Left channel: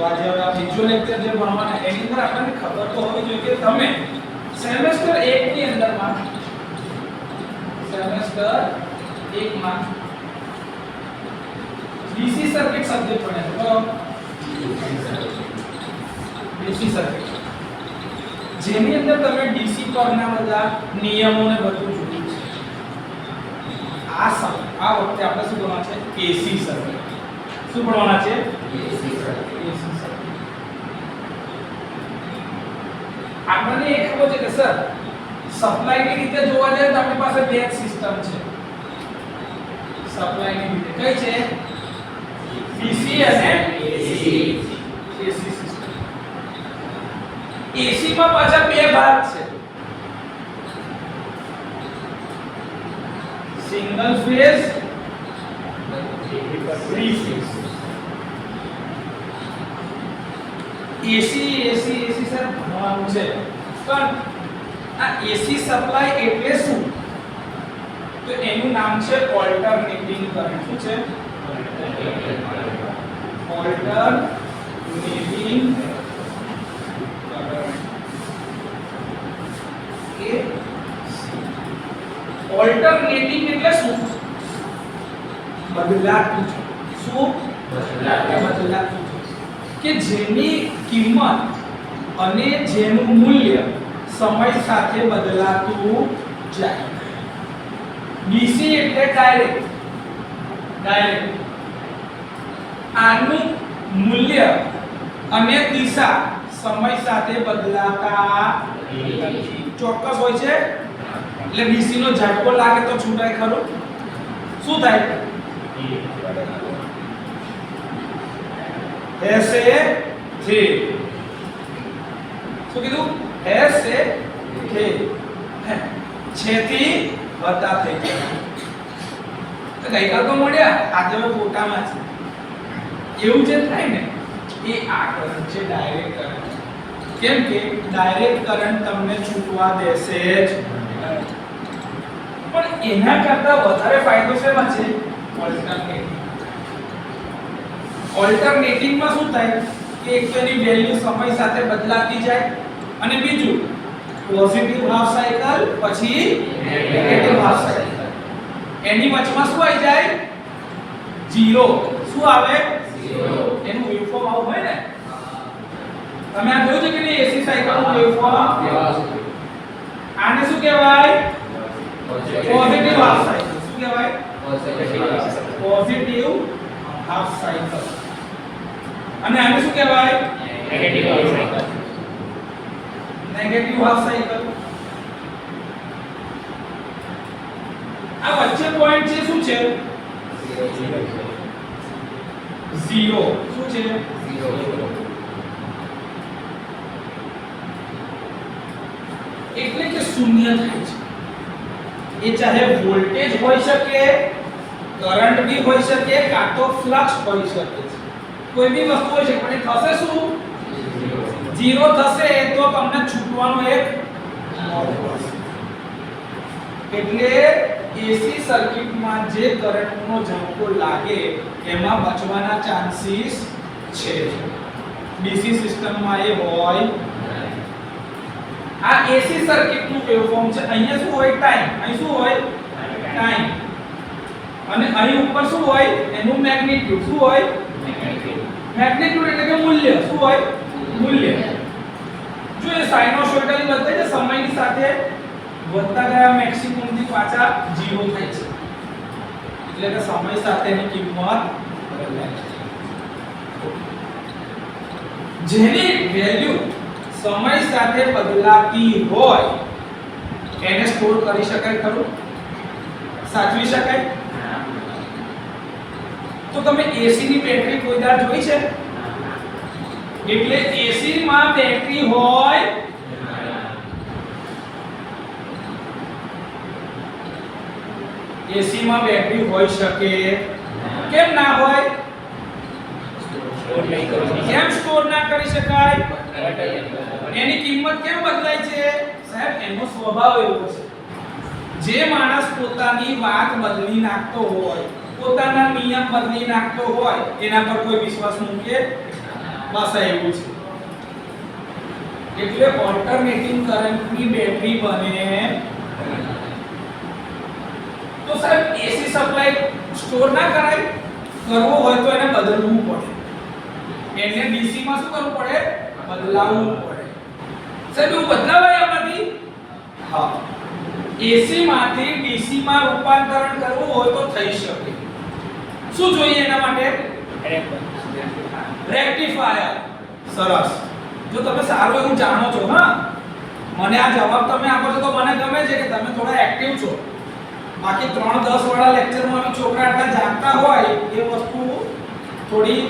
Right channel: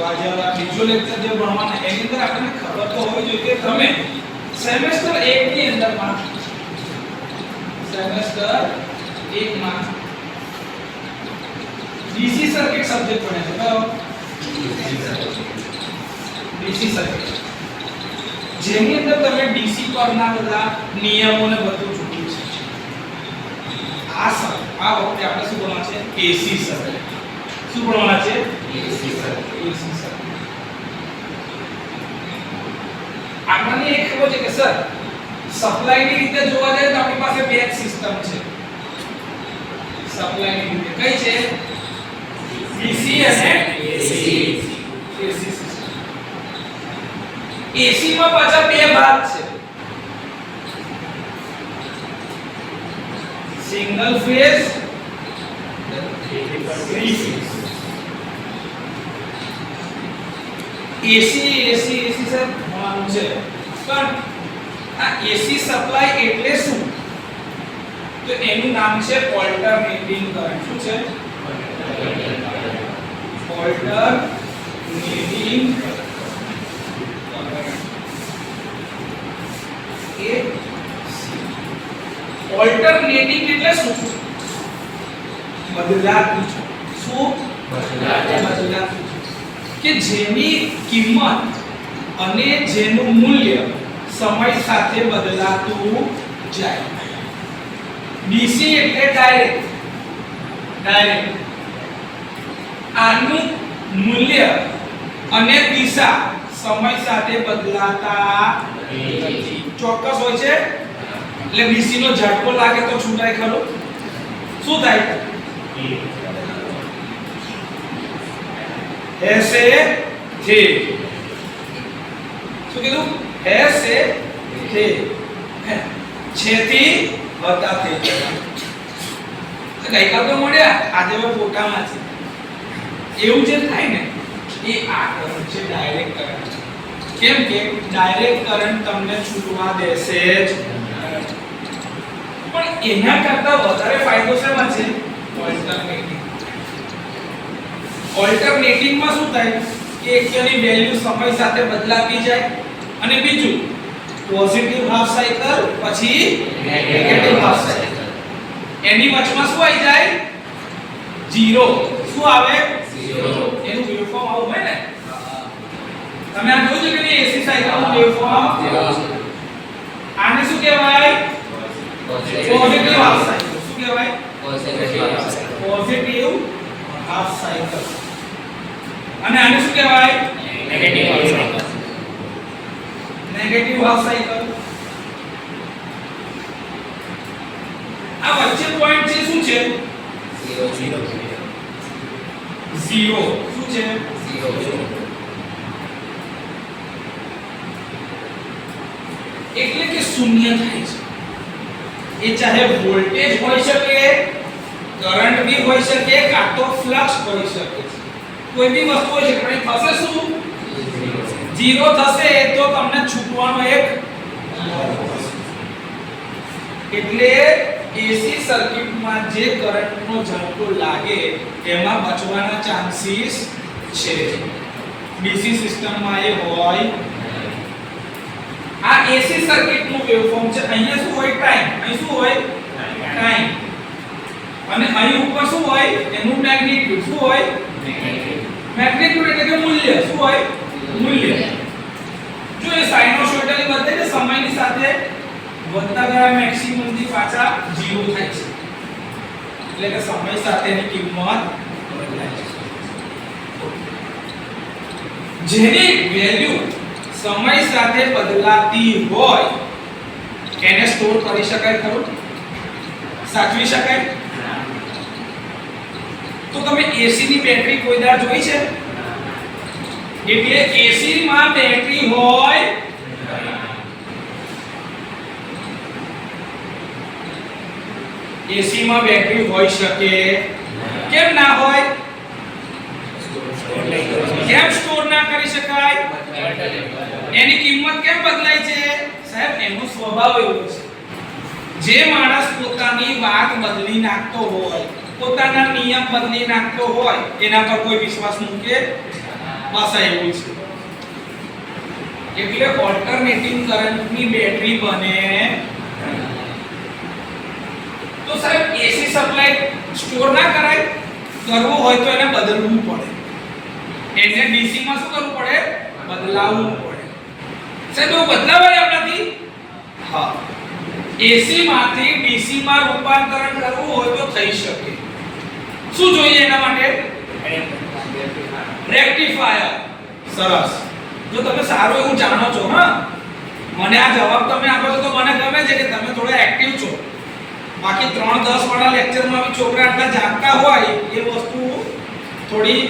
તો આજે આ બીજો લેક્ચર જે ભણવાના એની અંદર આપણને ખબર તો હોવી જોઈએ કે તમે સેમેસ્ટર 1 ની અંદરમાં સેમેસ્ટર 1 માં ડીસી સર્કિટ સબ્જેક્ટ ભણ્યા છે બરાબર ડીસી સર્કિટ જેની અંદર તમે ડીસી પરના બધા નિયમોને બધું જોયું છે આ વખતે આપણે શું ભણવાના છે એસી સર્કિટ શું ભણવાના છે એસી સર્કિટ આપણને એક ખબર છે કે સર સપ્લાય ની રીતે જોવા જાય તો આપણી પાસે બે સિસ્ટમ છે સપ્લાય ની રીતે કઈ છે ડીસી અને એસી સિસ્ટમ એસી માં પાછા બે ભાગ છે single phase three phase AC sir ભણવાનું છે પણ આ એસી સપ્લાય એટલે શું તો એનું નામ છે ઓલ્ટરનેટિંગ કરંટ શું છે ઓલ્ટરનેટિંગ ઓલ્ટરનેટિંગ એટલે શું બદલાતું શું બદલાતું કે જેની કિંમત અને જેનું મૂલ્ય સમય સાથે બદલાતું જાય ડીસી એટલે ડાયરેક્ટ આનું મૂલ્ય અને દિશા સમય સાથે બદલાતા ચોક્કસ હોય છે એટલે ડીસી નો ઝટકો લાગે તો છૂટાય ખરો શું થાય ऐसे थे શું કીધું ऐसे थे છેથી હતા તે ગઈકાલ તો મળ્યા આજે હવે ફોટામાં છે એવું જે થાય ને એ આ કરંટ છે ડાયરેક્ટ કરંટ કેમ કે ડાયરેક્ટ કરંટ તમને છૂટવા દેશે જ પણ એના કરતા વધારે ફાયદો શેમાં છે ઓલ્ટરનેટિંગ માં શું થાય કે એકની વેલ્યુ સમય સાથે બદલાતી જાય અને બીજું પોઝિટિવ હાફ સાયકલ પછી નેગેટિવ હાફ સાયકલ એની વચમાં શું આવી જાય 0 શું આવે 0 એનું વેવફોર્મ આવું હોય ને તમે આ જોયું છે કે એસી સાયકલ નું વેવફોર્મ આને શું કહેવાય પોઝિટિવ હાફ સાયકલ શું કહેવાય પોઝિટિવ હાફ સાયકલ અને આને શું કહેવાય નેગેટિવ હાફ સાયકલ આ વચ્ચે પોઈન્ટ છે શું છે 0 શું છે 0 એટલે કે શૂન્ય થાય છે એ ચાહે વોલ્ટેજ હોઈ શકે કરંટ भी હોઈ શકે કાં તો ફ્લક્સ હોઈ શકે છે કોઈ બી વસ્તુ હોઈ શકે પણ થશે શું 0 થશે તો તમને છૂટવાનો એક એટલે એસી સર્કિટમાં જે કરંટનો ઝટકો લાગે એમાં બચવાના ચાન્સીસ છે ડીસી સિસ્ટમમાં એ હોય આ એસી સર્કિટનું વેવફોર્મ છે અહીંયા શું હોય ટાઈમ અહીં શું હોય ટાઈમ અને અહીં ઉપર શું હોય એનું મેગ્નીટ્યુડ શું હોય મેગ્નીટ્યુડ એટલે કે મૂલ્ય શું હોય મૂલ્ય જો એ સાઇનોસોઇડલી બદલાય છે સમયની સાથે વધતા ગયા મેક્સિમમ થી પાછા 0 થાય છે એટલે કે સમય સાથેની કિંમત બદલાય છે જેની વેલ્યુ સમય સાથે બદલાતી હોય એને સ્ટોર કરી શકાય ખરું સાચવી શકાય તો તમે એસી ની બેટરી કોઈ દાર જોઈ છે એટલે એસી માં બેટરી હોય એસી માં બેટરી હોઈ શકે કેમ ના હોય કેમ સ્ટોર ના કરી શકાય એની કિંમત કેમ બદલાય છે સાહેબ એનો સ્વભાવ એવો છે જે માણસ પોતાની વાત બદલી નાખતો હોય પોતાના નિયમ બદલી નાખતો હોય એના પર કોઈ વિશ્વાસ મૂકે બસ આ એવું છે એટલે ઓલ્ટરનેટિંગ કરંટની બેટરી બને તો સાહેબ એસી સપ્લાય સ્ટોર ના કરાય કરવો હોય તો એને બદલવું પડે એને ડીસી માં શું કરવું પડે બદલાવવું પડે સાહેબ એવું બદલાવાય આપણાથી હા એસી માંથી ડીસી માં રૂપાંતરણ કરવું હોય તો થઈ શકે શું જોઈએ એના માટે રેક્ટિફાયર સરસ જો તમે સારું એવું જાણો છો હા મને આ જવાબ તમે આપો છો તો મને ગમે છે કે તમે થોડા એક્ટિવ છો બાકી 3-10 વાળા લેક્ચરમાં બી છોકરા આટલા જાગતા હોય એ વસ્તુ થોડી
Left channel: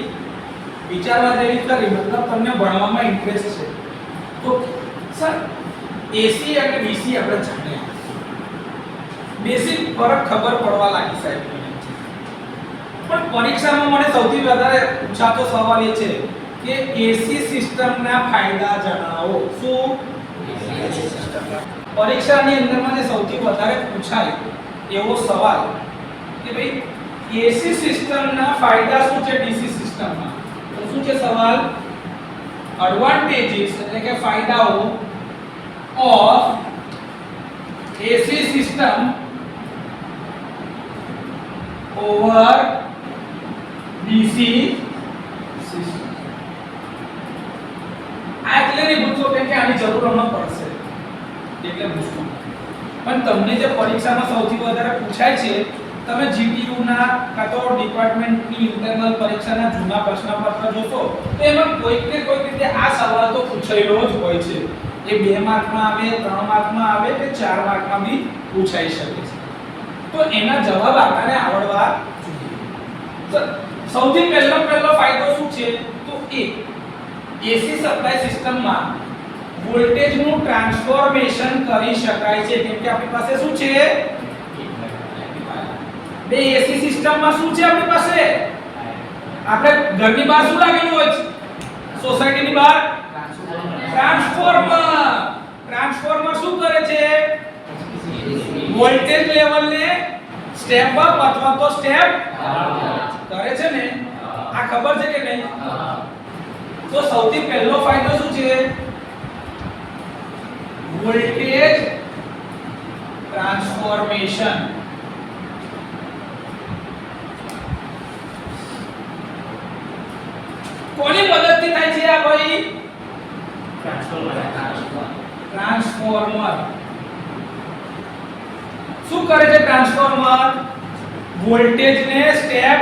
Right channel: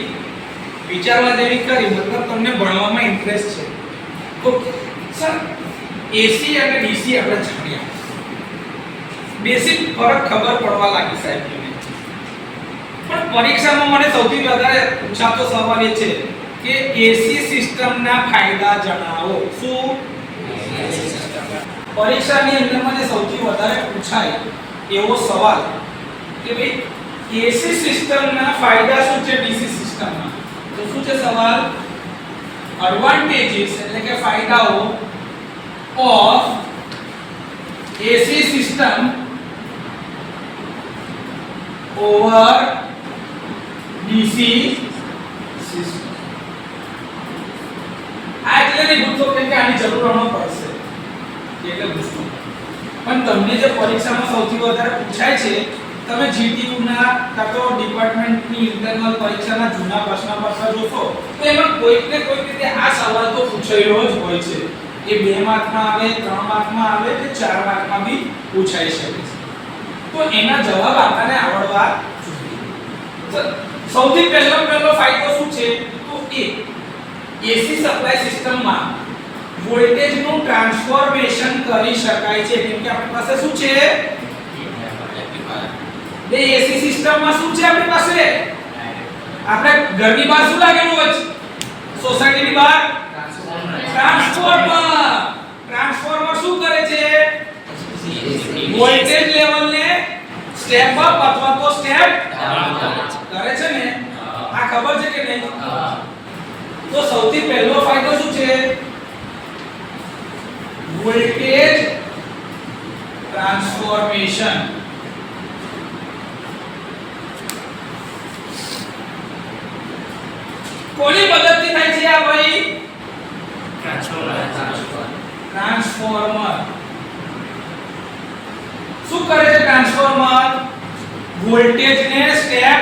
વિચારવા જેવી કરી મતલબ તમને ભણવામાં ઇન્ટરેસ્ટ છે તો સર એસી અને ડીસી આપણે જાણ્યા બેસિક ફરક ખબર પડવા લાગી સાહેબ પણ પરીક્ષામાં મને સૌથી વધારે પૂછાતો સવાલ એ છે કે એસી સિસ્ટમના ફાયદા જણાવો શું પરીક્ષાની અંદર મને સૌથી વધારે પૂછાય એવો સવાલ કે ભાઈ એસી સિસ્ટમના ફાયદા શું છે ડીસી સિસ્ટમમાં તો શું છે સવાલ એડવાન્ટેજીસ એટલે કે ફાયદાઓ of AC system over DC system આ એટલે નહીં પૂછો કે આની જરૂર ન પડશે એટલે પૂછો પણ તમને જે પરીક્ષામાં સૌથી વધારે પૂછાય છે તમે જીટીયુ ના કાં તો ડિપાર્ટમેન્ટની ઇન્ટરનલ પરીક્ષાના જૂના પ્રશ્નપત્ર જોશો તો એમાં કોઈક ને કોઈક રીતે આ સવાલ તો પૂછાયેલો જ હોય છે એ 2 માર્કમાં આવે 3 માર્કમાં આવે કે 4 માર્કમાં બી પૂછાઈ શકે છે તો એના જવાબ આપણને આવડવા જોઈએ સૌથી પહેલો ફાયદો શું છે તો એ એસી સપ્લાય સિસ્ટમમાં વોલ્ટેજનું ટ્રાન્સફોર્મેશન કરી શકાય છે કેમ કે આપણી પાસે શું છે બે એસી સિસ્ટમમાં શું છે આપણી પાસે આપણે ઘરની બહાર શું લાગેલું હોય છે સોસાયટીની બહાર ટ્રાન્સફોર્મર શું કરે છે વોલ્ટેજ લેવલને સ્ટેપ અપ અથવા તો સ્ટેપ કરે છે ને આ ખબર છે કે નહીં તો સૌથી પહેલો ફાયદો શું છે વોલ્ટેજ ટ્રાન્સફોર્મેશન કોની મદદથી થાય છે આ ભાઈ ટ્રાન્સફોર્મર શું કરે છે ટ્રાન્સફોર્મર વોલ્ટેજને સ્ટેપ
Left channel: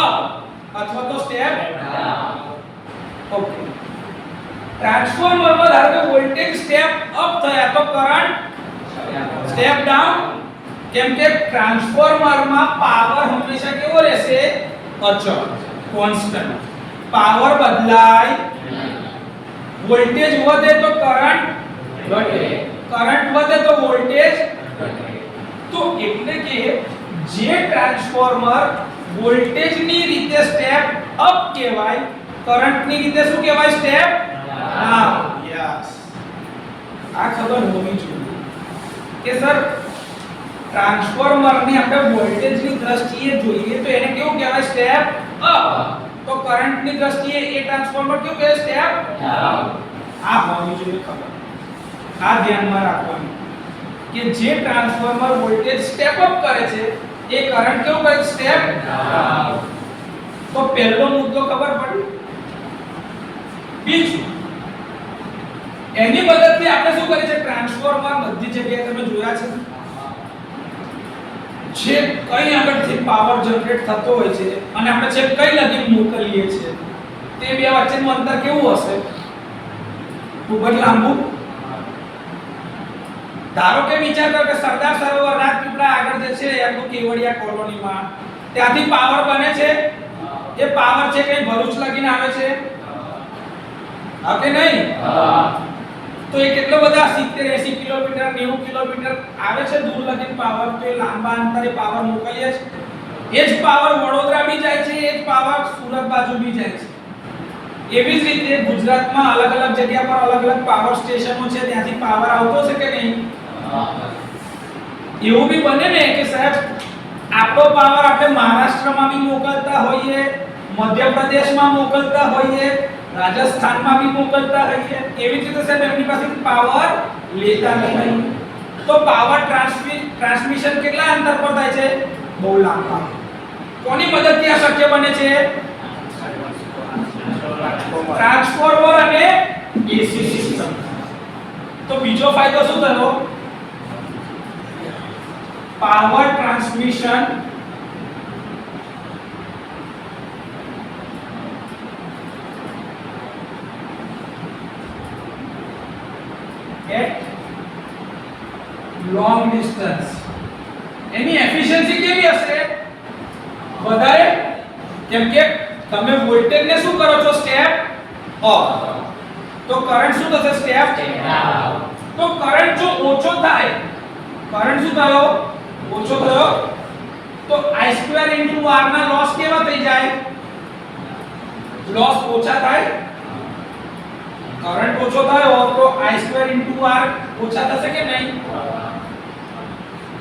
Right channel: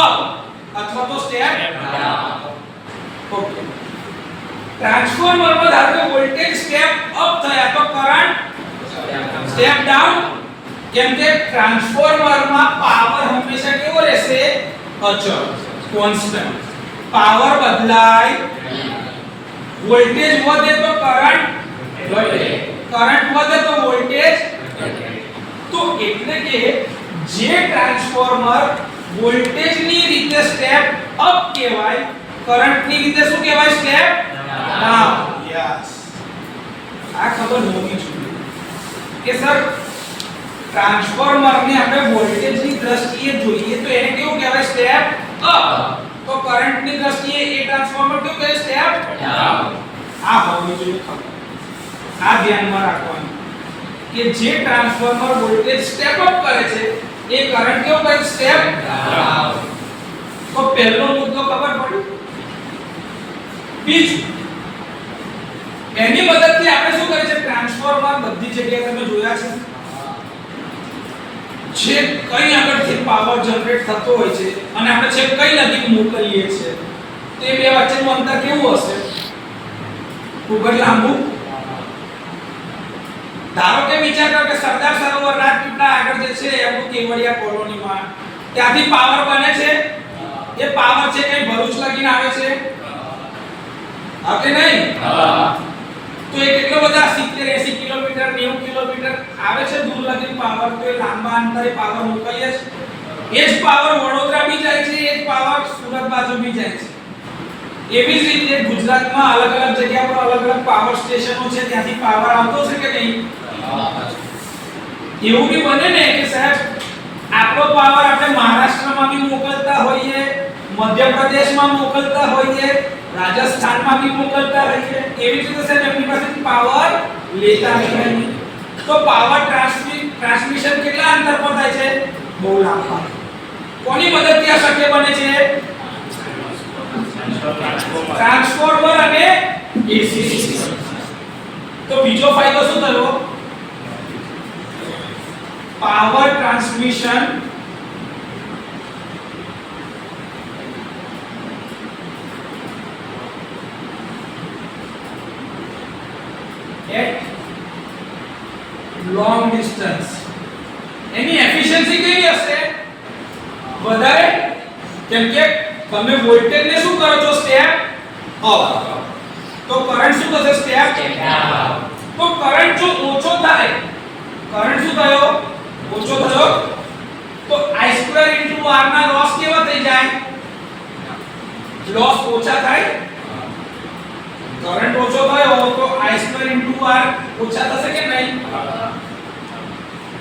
અપ અથવા તો સ્ટેપ ડાઉન ઓકે ટ્રાન્સફોર્મરમાં ધારો કે વોલ્ટેજ સ્ટેપ અપ થયા તો કરંટ સ્ટેપ ડાઉન જેમ કે ટ્રાન્સફોર્મરમાં પાવર હંમેશા કેવો રહેશે અચળ કોન્સ્ટન્ટ પાવર બદલાય વોલ્ટેજ વધે તો કરંટ ઘટે કરંટ વધે તો વોલ્ટેજ તો એટલે કે જે ટ્રાન્સફોર્મર વોલ્ટેજની રીતે સ્ટેપ અપ કહેવાય કરંટની રીતે શું કહેવાય સ્ટેપ ડાઉન યસ આ ખબર હોવી જોઈએ કે સર ટ્રાન્સફોર્મરને આપણે વોલ્ટેજની દ્રષ્ટિએ જોઈએ તો એને કેવું કહેવાય સ્ટેપ અપ તો કરંટની દ્રષ્ટિએ એ ટ્રાન્સફોર્મર કેવું કહેવાય સ્ટેપ ડાઉન આ હોવી જોઈએ ખબર આ ધ્યાનમાં રાખવાનું કે જે ટ્રાન્સફોર્મર વોલ્ટેજ સ્ટેપ અપ કરે છે એ કરંટ કેવો કરે સ્ટેપ ડાઉન તો પહેલો મુદ્દો ખબર પડી બીજું એની મદદથી આપણે શું કરીએ છીએ ટ્રાન્સફોર્મર બધી જગ્યાએ તમે જોયા છે જે કઈ આગળથી પાવર જનરેટ થતો હોય છે અને આપણે છે કઈ લગી મોકલીએ છીએ તે બે વચ્ચેનું અંતર કેવું હશે ખૂબ જ લાંબુ ધારો કે વિચાર કરો કે સરદાર સરોવર રાજપીપળા આગળ જે છે એમનું કેવડિયા કોલોનીમાં ત્યાંથી પાવર બને છે એ પાવર છે કે ભરૂચ લગીને આવે છે કે નહીં તો એ કેટલો બધા 70 80 કિલોમીટર 90 કિલોમીટર આવે છે દૂર લગીને પાવર તો એ લાંબા અંતરે પાવર મોકલીએ છે એ જ પાવર વડોદરા બી જાય છે એ જ પાવર સુરત બાજુ બી જાય છે એવી જ રીતે ગુજરાતમાં અલગ અલગ જગ્યા પર અલગ અલગ પાવર સ્ટેશનો છે ત્યાંથી પાવર આવતો છે કે નહીં એવું બી બને ને કે સાહેબ આપણો પાવર આપણે મહારાષ્ટ્રમાં બી મોકલતા હોઈએ મધ્યપ્રદેશમાં મોકલતા હોઈએ રાજસ્થાનમાં બી મોકલતા રહીએ, એવી જ રીતે સાહેબ એમની પાસે પાવર લેતા નહીં. તો પાવર ટ્રાન્સમિશન કેટલા અંતર પર થાય છે? બહુ લાંબા. કોની મદદથી આ શક્ય બને છે? ટ્રાન્સફોર્મર અને એસી સિસ્ટમ. તો બીજો ફાયદો શું થયો? Power transmission at long distance. Any efficiency કેવી હશે? વધારે, કેમ કે તમે વોલ્ટેજ ને શું કરો છો? Step up. તો કરંટ શું થશે? Step down. તો કરંટ જો ઓછો થાય, કરંટ શું થયો? ઓછો થયો, તો I2 * R ના લોસ કેવા થઈ જાય? લોસ ઓછા થાય. કરંટ ઓછો થયો તો I2 * R ઓછા થશે કે નહીં?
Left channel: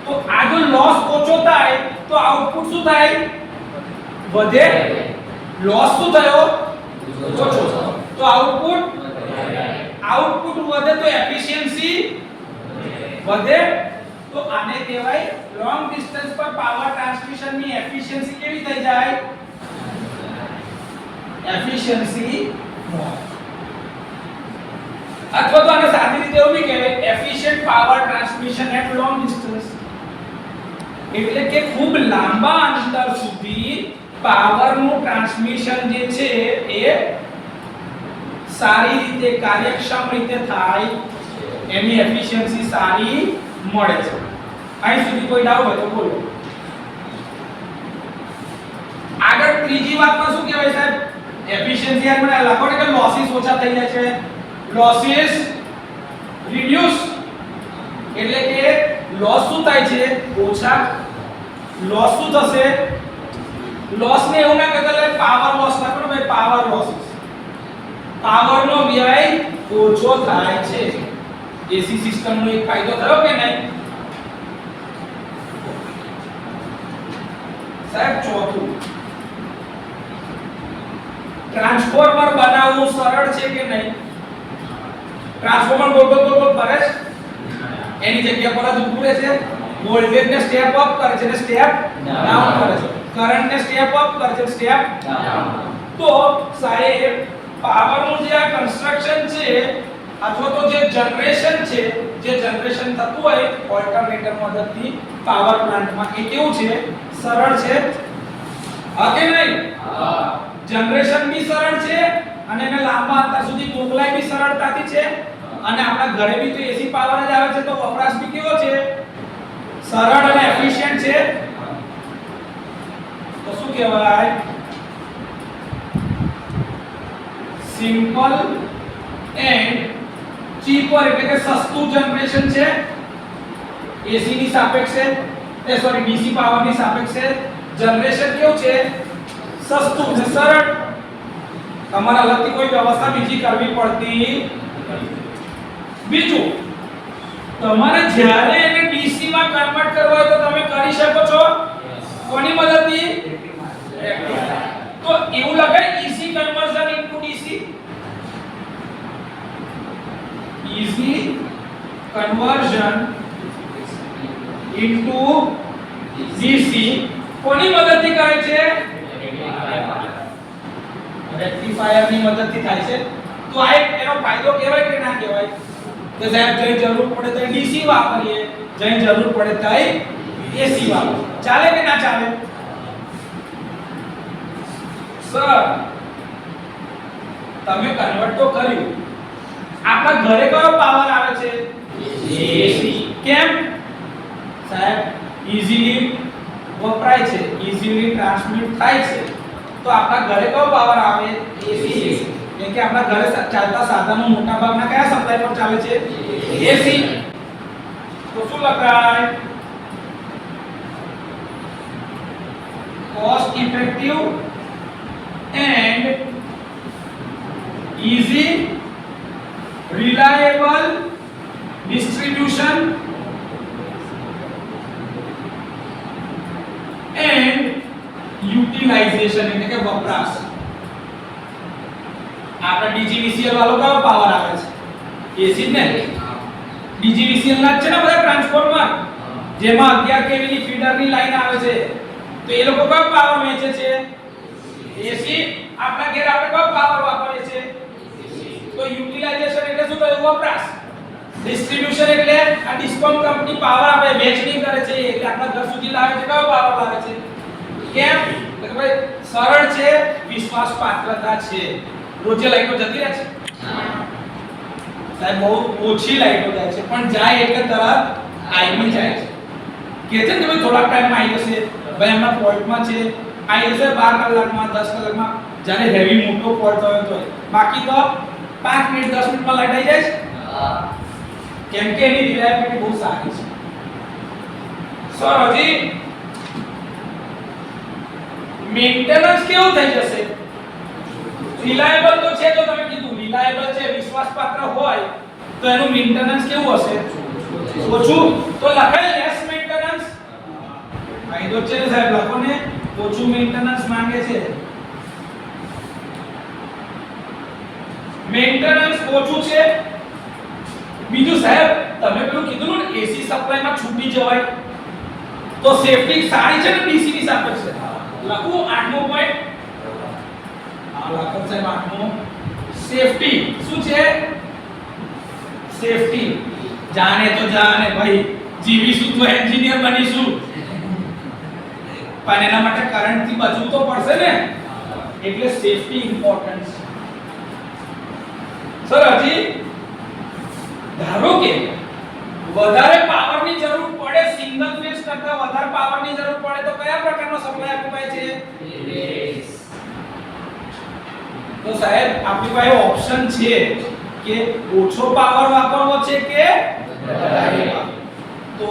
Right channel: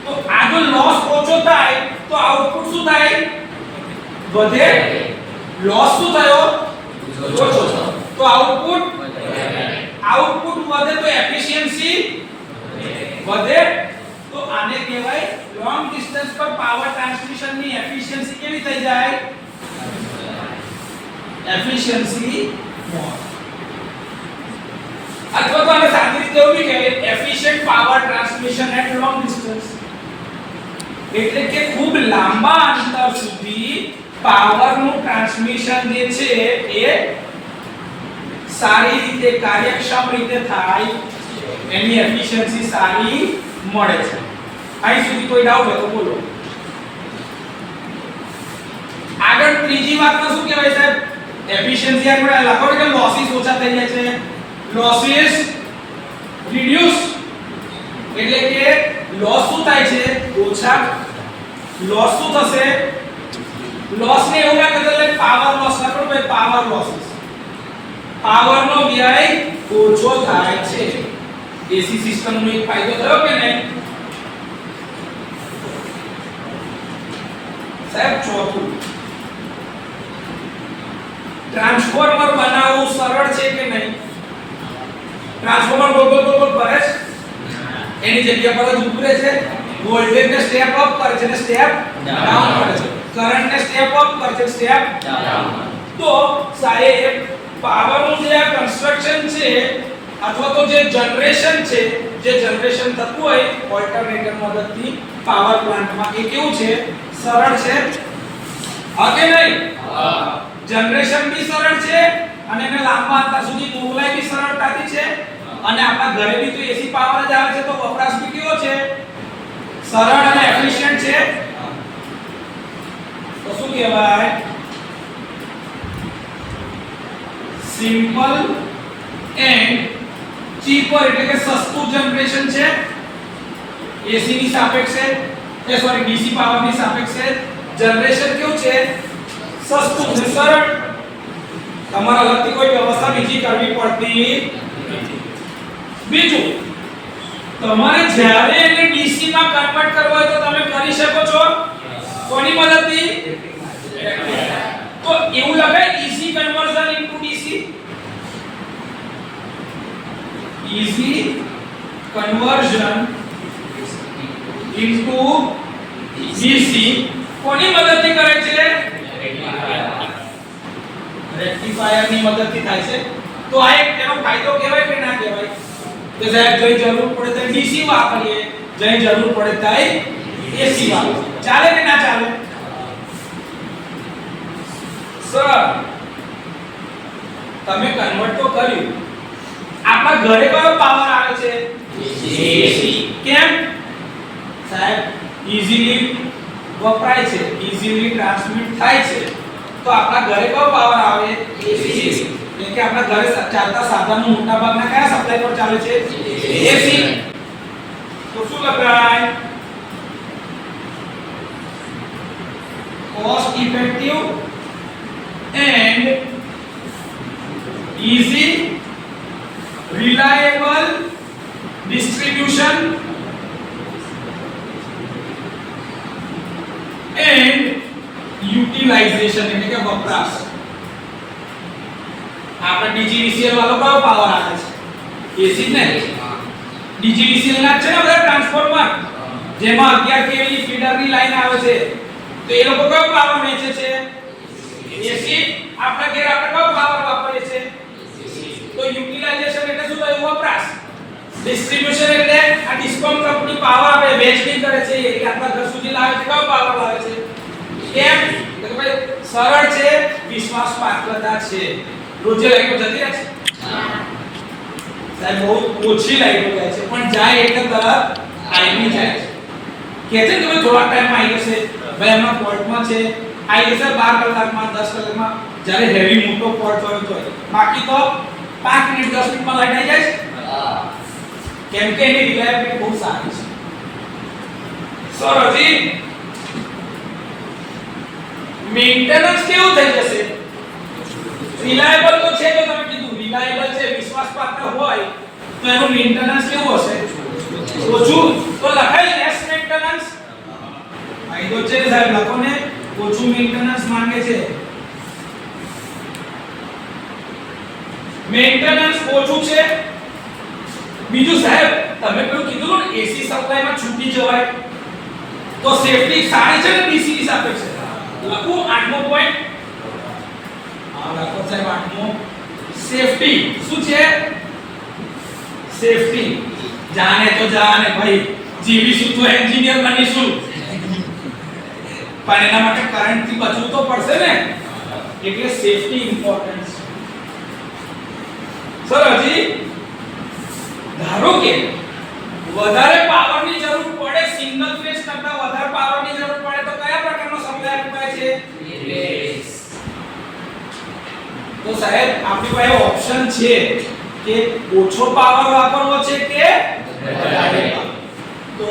તો આ જો લોસ ઓછો થાય તો આઉટપુટ શું થાય? વધે. લોસ શું થયો? ઓછો. તો આઉટપુટ વધે તો એફિશિયન્સી વધે. તો આને કહેવાય લોંગ ડિસ્ટન્સ પર પાવર ટ્રાન્સમિશન ની એફિશિયન્સી કેવી થઈ જાય? Efficiency more. અથવા તો આને સાદી રીતે એવું બી કહેવાય efficient power transmission at long distance. એટલે કે ખૂબ લાંબા અંતર સુધી પાવર નું ટ્રાન્સમિશન જે છે એ સારી રીતે કાર્યક્ષમ રીતે થાય, એની એફિશિયન્સી સારી મળે છે. અહીં સુધી કોઈ ડાઉટ હોય તો બોલો. આગળ ત્રીજી વાતમાં શું કહેવાય સાહેબ? એફિશિયન્સી આપણે લખો કે લોસીસ ઓછા થઈ જાય છે. લોસીસ રિડ્યુસ એટલે કે લોસ શું થાય છે? ઓછા. લોસ શું થશે? લોસ ને એવું ના કહેવાય પાવર લોસ લખો ભાઈ, પાવર લોસીસ. પાવર નો વ્યય ઓછો થાય છે. એસી સિસ્ટમ નો એક ફાયદો થયો કે નહીં સાહેબ? ચોથું, ટ્રાન્સફોર્મર બનાવવું સરળ છે કે નહીં? ટ્રાન્સફોર્મર ગોળ ગોળ ફરે છે, એની જગ્યા પર જ ઊભું રહે છે. વોલ્ટેજ ને સ્ટેપ અપ કરે છે ને સ્ટેપ ડાઉન કરે છે. કરંટ ને સ્ટેપ અપ કરે છે, સ્ટેપ ડાઉન. તો સાહેબ પાવર નું જે આ કન્સ્ટ્રક્શન છે અથવા તો જે જનરેશન છે, જે જનરેશન થતું હોય ઓલ્ટરનેટર મદદથી પાવર પ્લાન્ટમાં, એ કેવું છે? સરળ છે. હા કે નહીં? હા. જનરેશન બી સરળ છે અને એને લાંબા અંતર સુધી મોકલાય બી સરળતાથી છે. અને આપણા ઘરે બી તો એસી પાવર જ આવે છે, તો વપરાશ બી કેવો છે? સરળ અને એફિશિયન્ટ છે. તો શું કહેવાય? Simple and cheaper. એટલે કે સસ્તું જનરેશન છે એસી ની સાપેક્ષે, ડીસી પાવર ની સાપેક્ષે. જનરેશન કેવું છે? સસ્તું છે, સરળ. તમારે અલગથી કોઈ વ્યવસ્થા બીજી કરવી પડતી નથી. બીજું, તમારે જ્યારે એને ડીસી માં કન્વર્ટ કરવો હોય તો તમે કરી શકો છો. કોની મદદથી? તો એવું લખાય easy conversion into DC. Easy conversion into DC કોની મદદથી કરે છે? રેક્ટિફાયર ની મદદથી થાય છે. તો આ એક એનો ફાયદો કહેવાય કે ના કહેવાય? તો સાહેબ જઈ જરૂર પડે તો ડીસી વાપરીએ, જઈ જરૂર પડે તો એસી વાપરીએ. ચાલે કે ના ચાલે? સર તમે કન્વર્ટ તો કર્યું, આપણા ઘરે કયો પાવર આવે છે? એસી. કેમ સાહેબ? ઈઝીલી વપરાય છે, ઈઝીલી ટ્રાન્સમિટ થાય છે. તો આપણા ઘરે કયો પાવર આવે? એસી. એટલે કે આપણા ઘરે ચાલતા સાધનો મોટા ભાગના કયા સપ્લાય પર ચાલે છે? એસી. તો શું લખાય? Cost effective and easy reliable distribution and utilization એટલે કે વપરાશ. આપણે ડીજીવીસીએલ વાળો કયો પાવર આવે છે? એસી જ ને. ડીજીવીસીએલ ના જ છે ને બધા ટ્રાન્સફોર્મર, જેમાં 11 kV ની ફીડરની લાઈન આવે છે. તો એ લોકો કયો પાવર વેચે છે? એસી. આપણા ઘેર આપણે કયો પાવર વાપરીએ છે? તો યુટિલાઇઝેશન એટલે શું થયું? વપરાશ. ડિસ્ટ્રીબ્યુશન એટલે આ ડિસ્કોમ કંપની પાવર આપે, વેચણી કરે છે, એટલે આપણા ઘર સુધી લાવે છે. કયો પાવર લાવે છે? કેમ? તો ભાઈ સરળ છે, વિશ્વાસ પાત્રતા છે. રોજે લાઈટો જતી રહે છે? સાહેબ બહુ ઓછી લાઈટો જાય છે, પણ જાય એટલે તરત આવી જાય છે. કે છે ને ભાઈ થોડા ટાઈમમાં આવી જશે, ભાઈ એમના પોર્ટમાં છે, આવી જશે 12 કલાકમાં 10 કલાકમાં, જ્યારે હેવી મોટો પોર્ટ હોય તો. બાકી તો 5 મિનિટ 10 મિનિટમાં લાઈટ આવી જાય છે. કેમ કે એની રિલાયબિલિટી બહુ સારી છે. સર હજી મેન્ટેનન્સ કેવું થઈ જશે? રિલાયબલ તો છે, તો તમે કીધું રિલાયબલ છે, વિશ્વાસપાત્ર હોય તો એનું મેન્ટેનન્સ કેવું હશે? ઓછું. તો લખાય લેસ મેન્ટેનન્સ. ફાયદો છે ને સાહેબ, લોકોને ઓછું મેન્ટેનન્સ માંગે છે. મેન્ટેનન્સ ઓછું છે. બીજું સાહેબ તમે પેલું કીધું ને એસી સપ્લાયમાં છૂટી જવાય, તો સેફટી સારી છે ને ડીસી ની સાપેક્ષે? લખું 8મો પોઈન્ટ. લખો સાહેબ 8મો. સેફટી શું છે? સેફટી. જાને તો જાને ભાઈ, જીવીશું તો એન્જિનિયર બનીશું, પણ એના માટે કરંટ થી બચવું તો પડશે ને, એટલે સેફટી ઇમ્પોર્ટન્ટ છે. સર હજી ધારો કે વધારે પાવરની જરૂર પડે, સિંગલ ફેઝ કરતા વધારે પાવરની જરૂર પડે, તો કયા પ્રકારનો સપ્લાય અપાય છે? ફેઝ. તો સાહેબ આપણી પાસે ઓપ્શન છે કે ઓછો પાવર વાપરવો છે કે વધારે. તો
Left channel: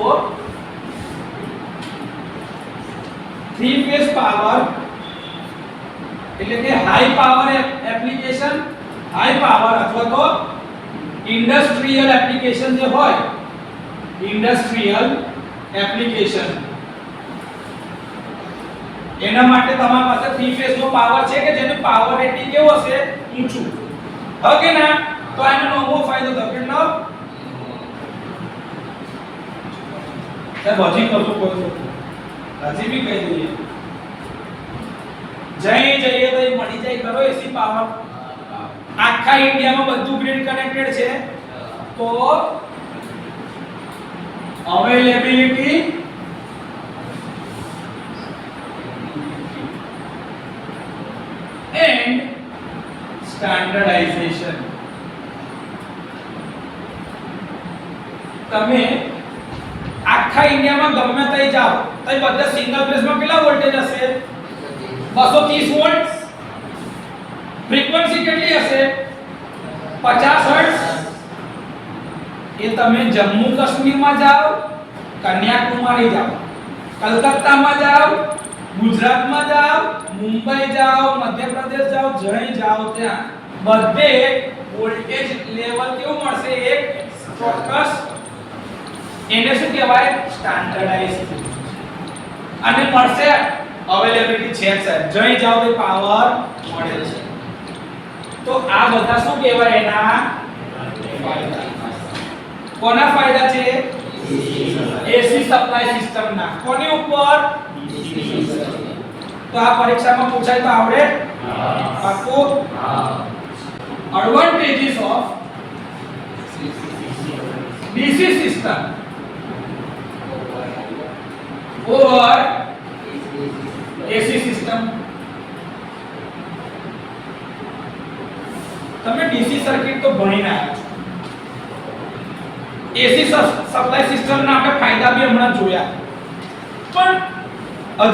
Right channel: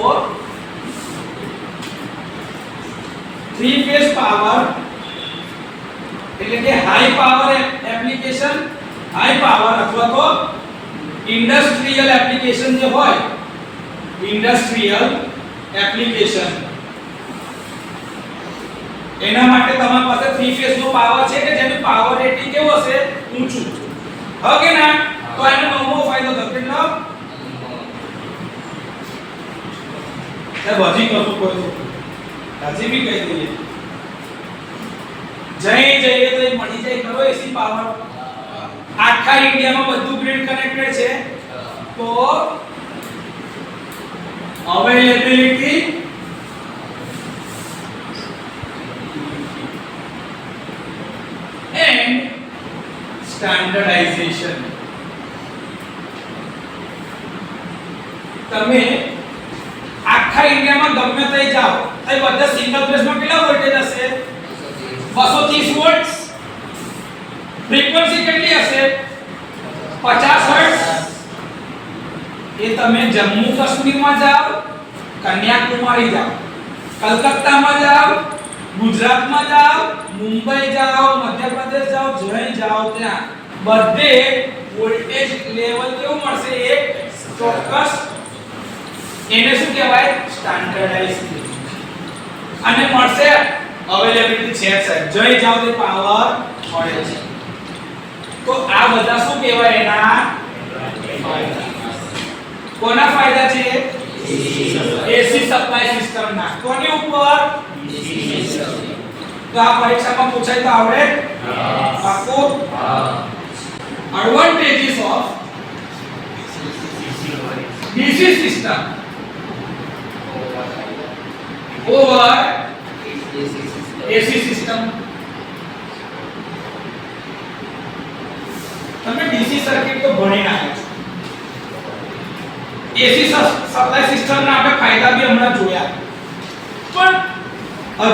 3 ફેઝ પાવર એટલે કે high power application, high power અથવા તો ઇન્ડસ્ટ્રીયલ એપ્લિકેશન જે હોય, ઇન્ડસ્ટ્રીયલ એપ્લિકેશન, એના માટે તમારી પાસે 3 ફેઝ નો પાવર છે કે જેનું પાવર રેટિંગ કેવું હશે? ઊંચું. હવે કે ના, તો એનો નવો ફાયદો થયો. કેટલો? સાહેબ હજી કશું કોઈ હજી બી કહી દઈએ, જઈએ તો એ મળી જાય ખરો એસી પાવર. આખા ઇન્ડિયામાં બધું ગ્રીડ કનેક્ટેડ છે, તો અવેલેબિલિટી એન્ડ સ્ટાન્ડર્ડાઇઝેશન. તમે આખા ઇન્ડિયામાં ગમે ત્યાં જાઓ તો બધા સિંગલ ફેઝમાં કેટલા વોલ્ટેજ હશે? 230 વોલ્ટ. ફ્રીક્વન્સી કેટલી હશે? 50 હર્ટ્ઝ. એ તમે જમ્મુ કાશ્મીરમાં જાઓ, કન્યાકુમારી જાઓ, કલકત્તામાં જાઓ, ગુજરાતમાં જાઓ, મુંબઈ જાઓ, મધ્યપ્રદેશ જાઓ, જ્યાં જાઓ ત્યાં બધે વોલ્ટેજ લેવલ કેવું મળશે? એક ચોક્કસ. એને શું કહેવાય? સ્ટાન્ડર્ડાઇઝ. અને મળશે અવેલેબિલિટી છે સાહેબ, જ્યાં જાઓ તે પાવર મળે છે. તો આ બધા શું કહેવાય? એના ફાયદા. કોના ફાયદા છે? એસી સપ્લાય સિસ્ટમ ના. કોની ઉપર? તો આ પરીક્ષામાં પૂછાય તો આવડે? પાક્કું? Advantages of DC system over AC system. તમે ડીસી સર્કિટ તો ભણી આવ્યા છો, એસી સપ્લાય સિસ્ટમના આપણે ફાયદા બી હમણાં જોયા, પણ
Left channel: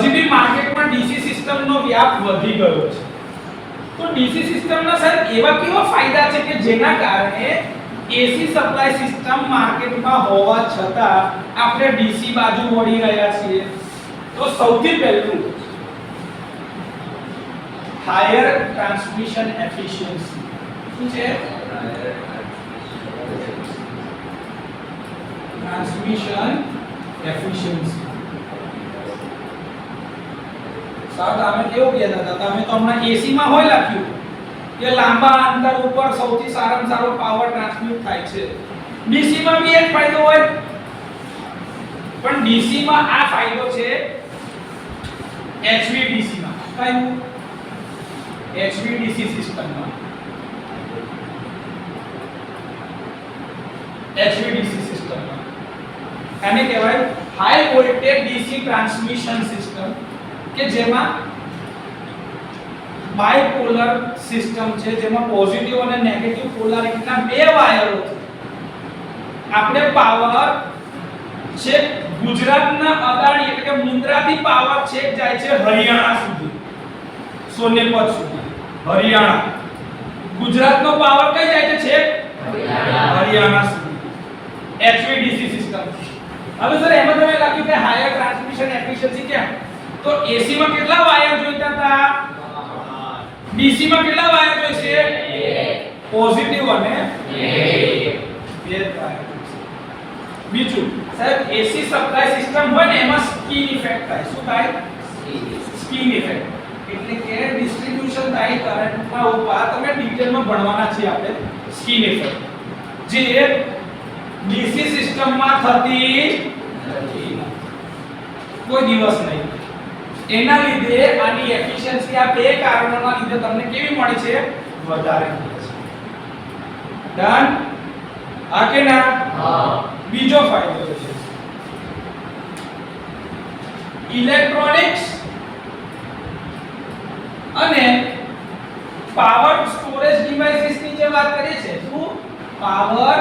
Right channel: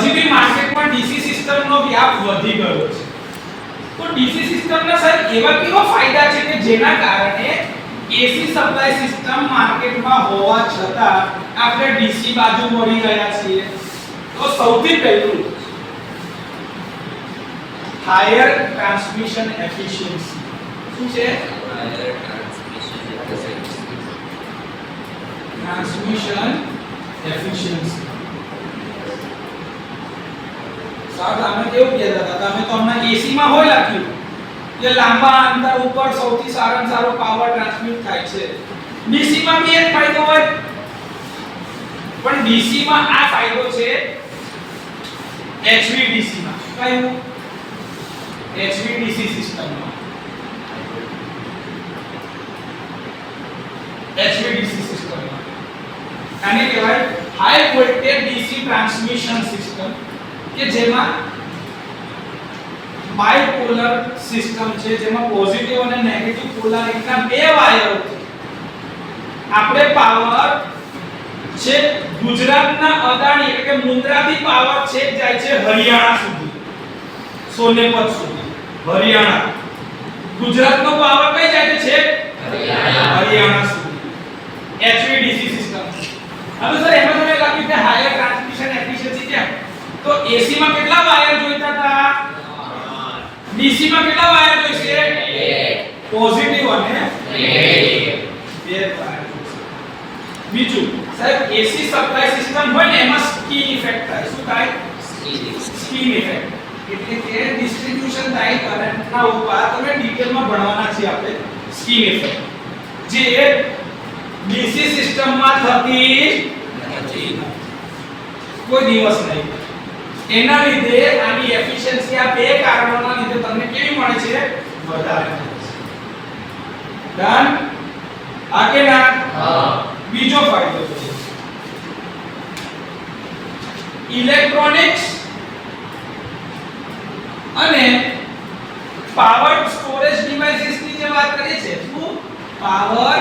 હજી બી માર્કેટમાં ડીસી સિસ્ટમનો વ્યાપ વધી ગયો છે. તો ડીસી સિસ્ટમના સાહેબ એવા કેવા ફાયદા છે કે જેના કારણે એસી સપ્લાય સિસ્ટમ માર્કેટમાં હોવા છતાં આપણે ડીસી બાજુ વળી ગયા છીએ? તો સૌથી પહેલું હાયર ટ્રાન્સમિશન એફિશિયન્સી. શું છે? Transmission efficiency. સર તમે કેવું કહેતા હતા? તમે તો હમણાં એસી માં હોય લખ્યું, કે લાંબા અંતર ઉપર સૌથી સારામાં સારો પાવર ટ્રાન્સમિટ થાય છે. ડીસી માં બી એક ફાયદો હોય, પણ ડીસી માં આ ફાયદો છે HVDC માં. કયું? HVDC સિસ્ટમમાં. HVDC સિસ્ટમમાં આને કહેવાય high voltage DC transmission system, કે જેમાં બાયપોલર સિસ્ટમ છે, જેમાં પોઝિટિવ અને નેગેટિવ પોલારિટીના બે વાયરોથી આપણે પાવર છે ગુજરાતના અદાણી એટલે કે મુન્દ્રાથી પાવર છેક જાય છે હરિયાણા સુધી, સોનેપત સુધી. હરિયાણા ગુજરાતનો પાવર કઈ જાય છે? છેક હરિયાણા સુધી. HVDC system. હવે સર એમાં તમે લખ્યું કે હાયર ટ્રાન્સમિશન એફિશિયન્સી કેમ? તો AC માં કેટલા વાયર જોઈતા હતા? DC માં કેટલા વાયર જોઈશે? પોઝિટિવ અને નેગેટિવ. બે વાયર જોઈશે. બીજું સાહેબ AC સપ્લાય સિસ્ટમ હોય ને એમાં સ્કીન ઇફેક્ટ થાય. શું થાય? Skin effect. એટલે કે ડિસ્ટ્રીબ્યુશન થાય કરંટના ઉપર. તમે ડિટેલમાં ભણવાના છીએ આપણે સ્કીન ઇફેક્ટ, જે DC સિસ્ટમમાં થતી નથી કોઈ દિવસ નહીં. એના લીધે આની એફિશિયન્સી આ બે કારણોના લીધે તમને કેવી મળે છે? વધારે મળે છે. ડન? આ કે ના? હા. બીજો ફાયદો છે ઇલેક્ટ્રોનિક્સ અને પાવર સ્ટોરેજ ડિવાઇસીસ ની જે વાત કરીએ છે. શું? Power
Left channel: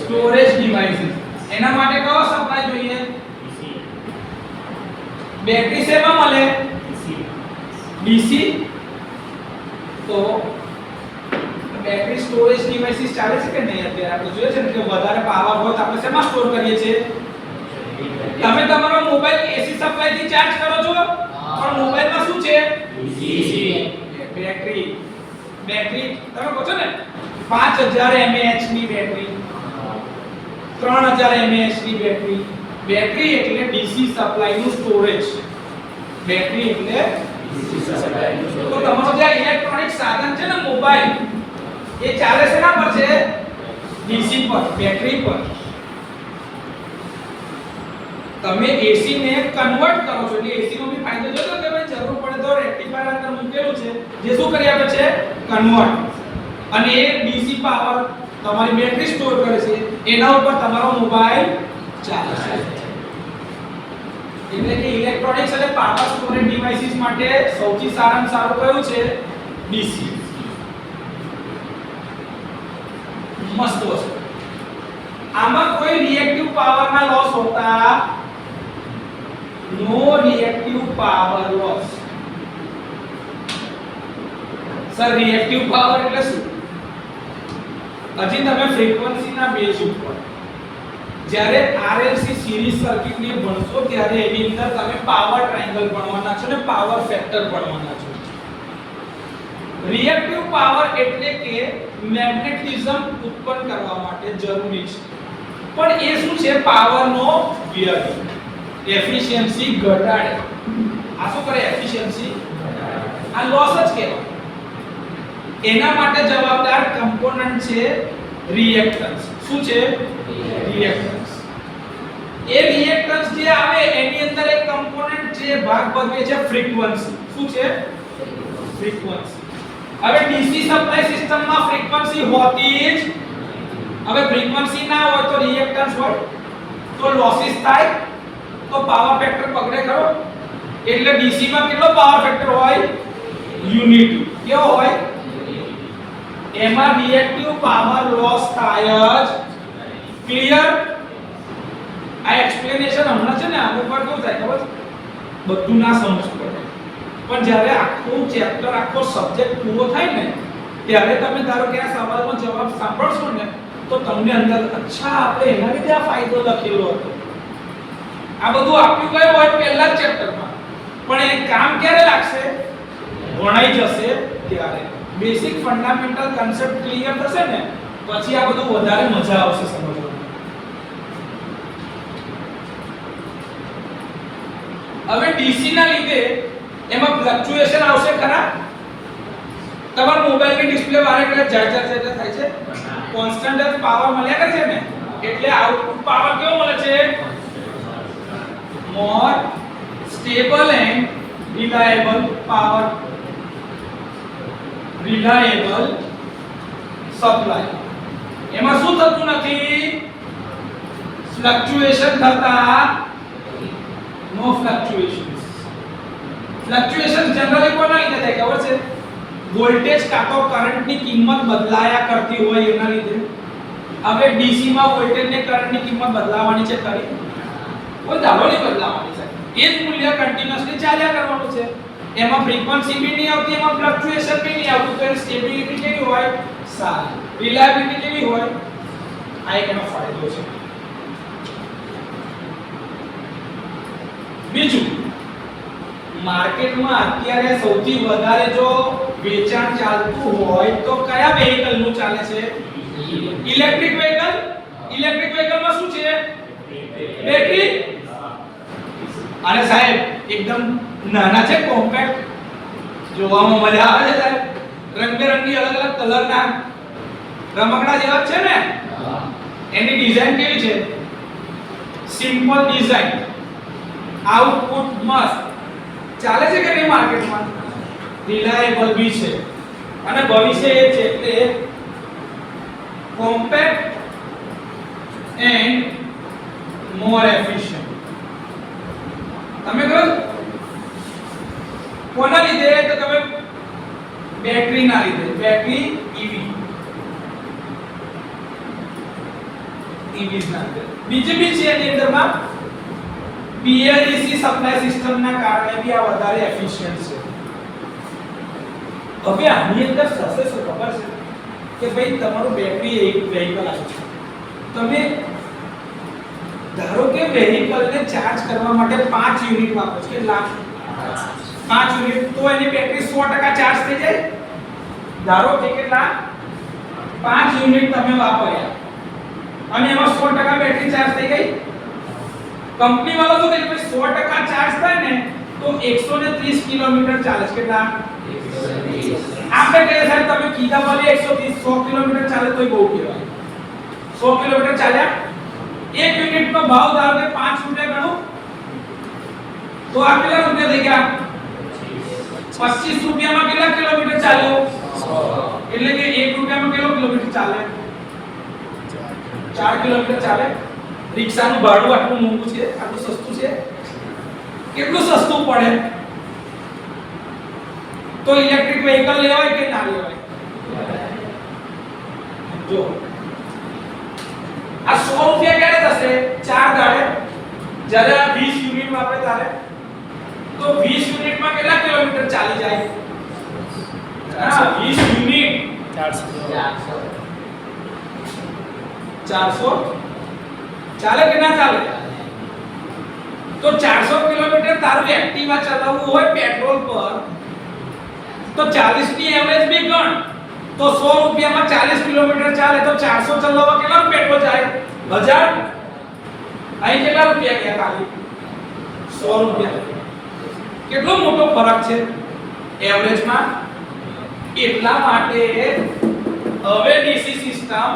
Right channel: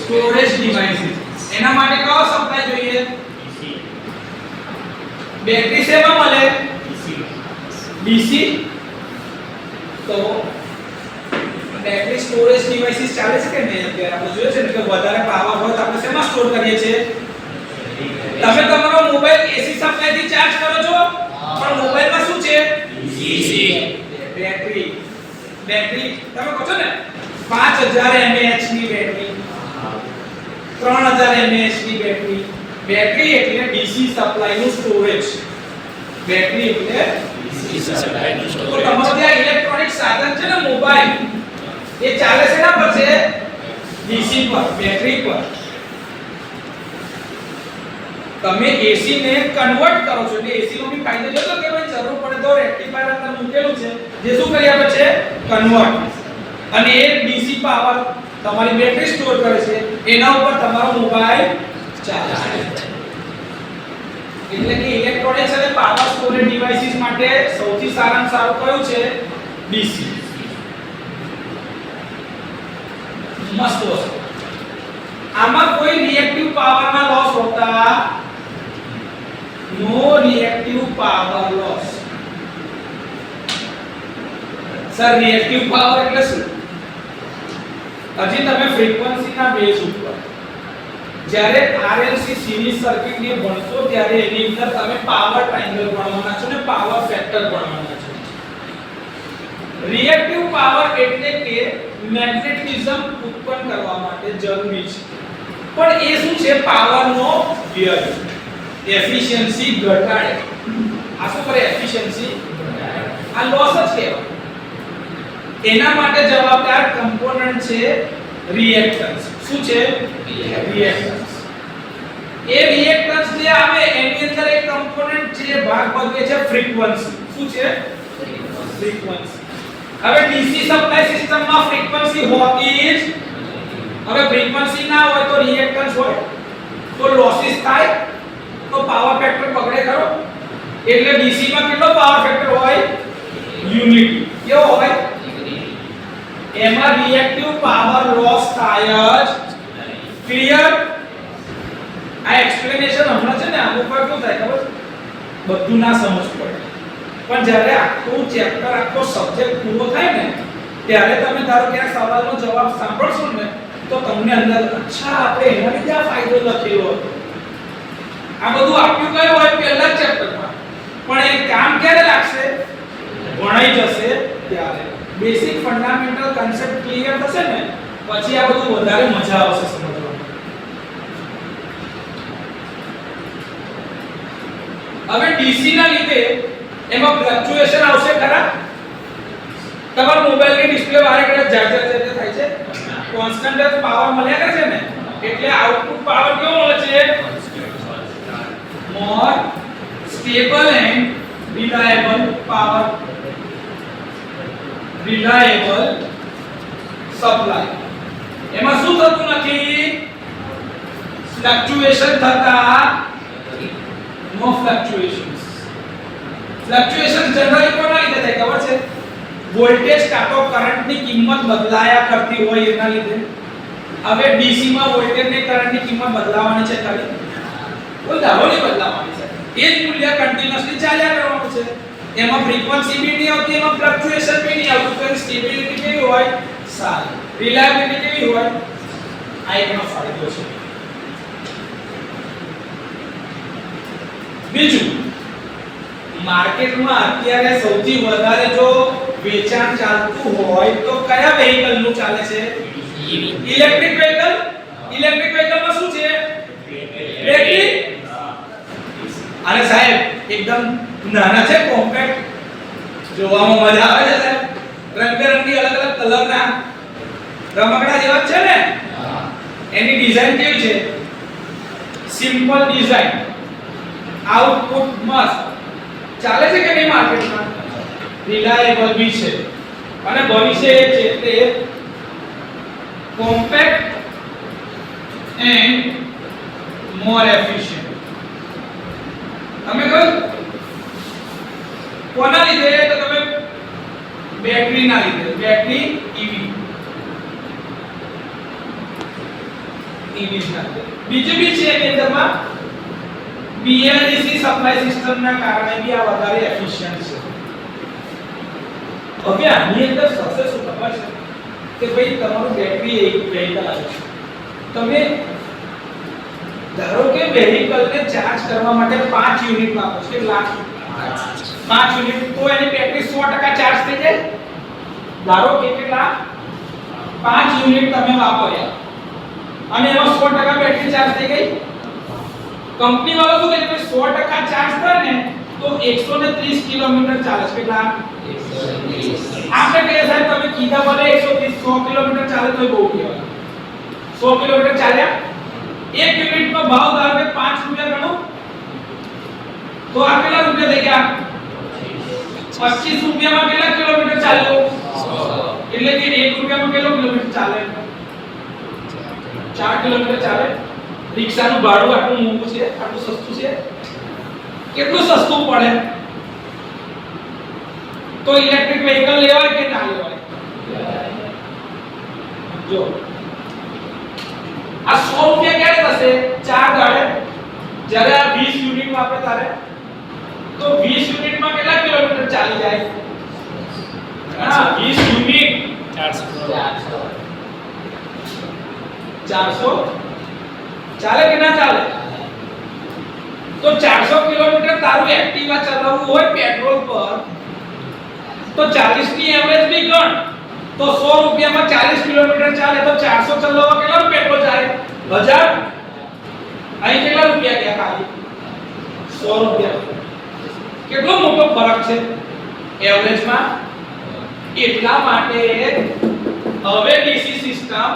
storage devices. એના માટે કયો સપ્લાય જોઈએ? બેટરી શેમાં મળે? DC. તો બેટરી સ્ટોરેજ ડિવાઇસીસ ચાલે છે કે નહીં? અત્યારે આપણે જોઈએ છે કે વધારે પાવર હોય તો આપણે શેમાં સ્ટોર કરીએ છીએ? તમે તમારો મોબાઈલ AC સપ્લાય થી ચાર્જ કરો છો, પણ મોબાઈલમાં શું છે? DC. બેટરી. બેટરી તમે કહો છો ને 5000 mAh ની બેટરી, 3000 mAh ની બેટરી. બેટરી એટલે DC સપ્લાય નું સ્ટોરેજ. બેટરી એટલે DC સપ્લાય નું સ્ટોરેજ. તો તમારો જે ઇલેક્ટ્રોનિક સાધન છે ને મોબાઈલ, એ ચાલે છે ના પર છે? DC પર, બેટરી પર. તમે AC ને કન્વર્ટ કરો છો એટલે AC નો બી ફાયદો છે કે ભાઈ જરૂર પડે તો રેક્ટિફાયર અંદર મૂકેલું છે જે શું કરી આપે છે? કન્વર્ટ. અને એ DC પાવર તમારી બેટરી સ્ટોર કરે છે, એના ઉપર તમારો મોબાઈલ ચાલે છે. એટલે કે ઇલેક્ટ્રોનિક્સ અને પાવર સ્ટોરેજ ડિવાઇસીસ માટે સૌથી સારામાં સારું કયું છે? DC. મસ્ત વસ્તુ. આમાં કોઈ રિએક્ટિવ પાવર ના લોસ હોતા, no reactive power loss. Sir reactive power એટલે શું? હજી તમે ફ્રીક્વન્સીના બેઝ ઉપર જ્યારે RLC સિરીઝ સર્કિટ ને ભણશો ત્યારે એની અંદર તમે પાવર ટ્રાયેંગલ ભણવાના છો ને પાવર ફેક્ટર ભણવાના છો. રિએક્ટિવ પાવર એટલે કે મેગ્નેટિઝમ ઉત્પન્ન કરવા માટે જરૂરી છે, પણ એ શું છે? પાવરનો વ્યય, એફિશિયન્સી ઘટાડે. આ શું કરે? એફિશિયન્સી ઘટાડે. આ લોસ જ કહેવાય. એના માટે જવાબદાર કમ્પોનન્ટ છે રિએક્ટન્સ. શું છે? રિએક્ટન્સ. એ રિએક્ટન્સ જે આવે એની અંદર એક કમ્પોનન્ટ જે ભાગ ભજવે છે ફ્રીક્વન્સી. શું છે? ફ્રીક્વન્સી. હવે DC સપ્લાય સિસ્ટમમાં ફ્રીક્વન્સી હોતી જ. હવે ફ્રીક્વન્સી ના હોય તો રિએક્ટન્સ હોય તો લોસીસ થાય, તો પાવર ફેક્ટર બગડે ખરો. એટલે DC માં કેટલો પાવર ફેક્ટર હોય? યુનિટી. કેવો હોય? એમાં રિએક્ટિવ પાવર લોસ થાય જ. ક્લિયર? આ એક્સપ્લેનેશન હમણાં છે ને અમુક વાર કેવું થાય ખબર? બધું ના સમજ પડે, પણ જ્યારે આખું ચેપ્ટર આખો સબ્જેક્ટ પૂરો થાય ને ત્યારે તમે ધારો કે આ સવાલનો જવાબ સાંભળશો ને તો તમને અંદર અચ્છા આપણે એના લીધે આ ફાયદો લખેલો હતો. આ બધું આપ્યું કયું હોય? પહેલા જ ચેપ્ટરમાં. પણ એ કામ ક્યારે લાગશે? ભણાઈ જશે ત્યારે. બેસિક ફંડામેન્ટલ કન્સેપ્ટ ક્લિયર થશે ને પછી આ બધું વધારે મજા આવશે સમજવામાં. હવે DC ના લીધે એમાં ફ્લક્ચ્યુએશન આવશે ખરા? તમારા મોબાઈલની ડિસ્પ્લે વારે ઘડીએ ઝાઝર થાય છે, કોન્સ્ટન્ટ જ પાવર મળ્યા કરે છે ને, એટલે આઉટપુટ પાવર કેવો મળે છે? More stable and reliable power, reliable supply. એમાં શું થતું નથી? ફ્લક્ચ્યુએશન થતા નો ફ્લક્ચ્યુએશન્સ. ફ્લક્ચ્યુએશન જનરલી કોના લીધે થાય ખબર છે? વોલ્ટેજ કાં તો કરંટની કિંમત બદલાયા કરતી હોય એના લીધે. હવે ડીસી માં વોલ્ટેજ ને કરંટની કિંમત બદલાવાની છે ખરી? કોઈ ધારો નહીં બદલાવાની છે. એ જ મૂલ્ય કન્ટીન્યુઅસલી ચાલ્યા કરવાનું છે. એમાં ફ્રીક્વન્સી બી નહીં આવતી, એમાં ફ્લક્ચ્યુએશન બી નહીં આવતું. તો એની સ્ટેબિલિટી કેવી હોય? સારી. રિલાયબિલિટી કેવી હોય? આ એનો ફાયદો છે. બીજું, માર્કેટમાં અત્યારે સૌથી વધારે જો વેચાણ ચાલતું હોય તો કયા વેહિકલ નું ચાલે છે? Electric vehicle. ઇલેક્ટ્રિક વેહિકલમાં શું છે? બેટરી. અને સાહેબ એકદમ નાના છે, કોમ્પેક્ટ, જોવામાં મજા આવે છે સાહેબ, રંગબેરંગી અલગ અલગ કલરના રમકડા જેવા છે ને. એની ડિઝાઇન કેવી છે? સિમ્પલ ડિઝાઇન, આઉટપુટ મસ્ત. ચાલે છે કે નહીં માર્કેટમાં? રિલાયેબલ બી છે. અને ભવિષ્ય એ છે કે કોમ્પેક્ટ એન્ડ મોર એફિશિયન્ટ. તમે કહો કોના લીધે? તો તમે બેટરી ના લીધે. બેટરી ઈવી ના લીધે. બીજી બી છે એની અંદરમાં પીએલસી સપ્લાય સિસ્ટમ ના કારણે બી આ વધારે એફિશિયન્ટ છે. હવે આની અંદર થશે શું ખબર છે? કે ભાઈ તમારું બેટરી એક વેહિકલ આવે છે, તમે ધારો કે વેહિકલને ચાર્જ કરવા માટે 5 યુનિટ વાપરો છો, કેટલા? 5 યુનિટ. તો એની બેટરી 100% ચાર્જ થઈ જાય. ધારો કે કેટલા? 5 યુનિટ તમે વાપર્યા અને એમાં 100% બેટરી ચાર્જ થઈ ગઈ. કંપની વાળો શું કહે છે? 100% ચાર્જ થાય ને તો 130 કિલોમીટર ચાલે છે. કેટલા? 130. આપણે કહીએ સાહેબ તમે કીધા ભલે 130 100 કિલોમીટર ચાલે તોય બહુ કહેવાય. 100 કિલોમીટર ચાલ્યા, 1 યુનિટનો ભાવ ધારો કે 5 રૂપિયા ગણો તો આ કેટલા રૂપિયા થઈ ગયા? 25 રૂપિયામાં કેટલા કિલોમીટર ચાલ્યો? 100. એટલે કે 1 રૂપિયામાં કેટલો કિલોમીટર ચાલે? 4 કિલોમીટર ચાલે. રિક્ષાનું ભાડું આટલું મોંઘું છે, આટલું સસ્તું છે. કેટલું સસ્તું પડે? તો ઇલેક્ટ્રિક વેહિકલ લેવાય કે ના લેવાય? જો આ 100 રૂપિયા ક્યારે થશે? 4 દાડે. જ્યારે આ 20 યુનિટ વાપરે ત્યારે તો 20 યુનિટમાં કેટલા કિલોમીટર ચાલી જાય? હા 20 યુનિટ 400 ચાલે કે ના ચાલે? તો 400 કિલોમીટર તારું એક્ટિવા ચલાવવું હોય પેટ્રોલ પર તો 40 ની એવરેજ બી ગણ તો 100 રૂપિયામાં 40 કિલોમીટર ચાલે તો 400 ચલાવવા કેટલા પેટ્રોલ જાય? 1000. અહીં કેટલા રૂપિયા ગયા? ખાલી 100 રૂપિયા. કેટલો મોટો ફરક છે એવરેજમાં. એટલા માટે હવે ડીસી સિસ્ટમ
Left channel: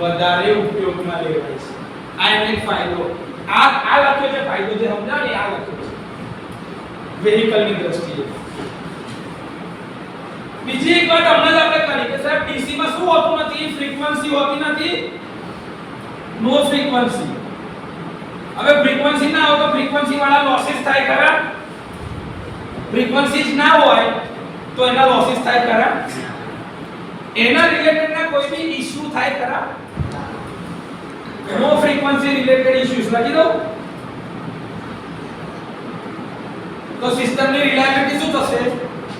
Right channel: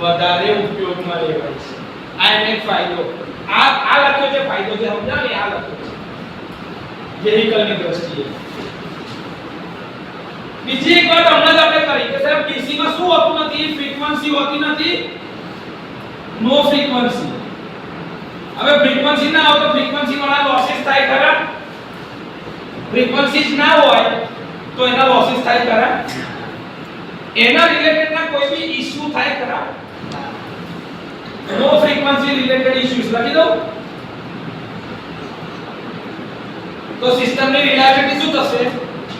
વધારે ઉપયોગમાં લેવાય છે. આ એને ફાયદો. આ લખ્યો છે ફાયદો, જે સમજાવ ને આ લખ્યો છે વેહિકલની દ્રષ્ટિએ. બીજી એક વાત હમણાં જ આપણે કરી કે સાહેબ ડીસી માં શું હોતું નથી? ફ્રીક્વન્સી હોતી નથી, નો ફ્રીક્વન્સી. હવે ફ્રીક્વન્સી ના હોય તો ફ્રીક્વન્સી વાળા લોસીસ થાય ખરા? ફ્રીક્વન્સી જ ના હોય તો એના લોસીસ થાય ખરા? એના રિલેટેડ ના કોઈ બી ઇશ્યુ થાય ખરા? નો ફ્રીક્વન્સી રિલેટેડ ઇશ્યુઝ લખી દો તો સિસ્ટમની રિલાયબિલિટી શું થશે?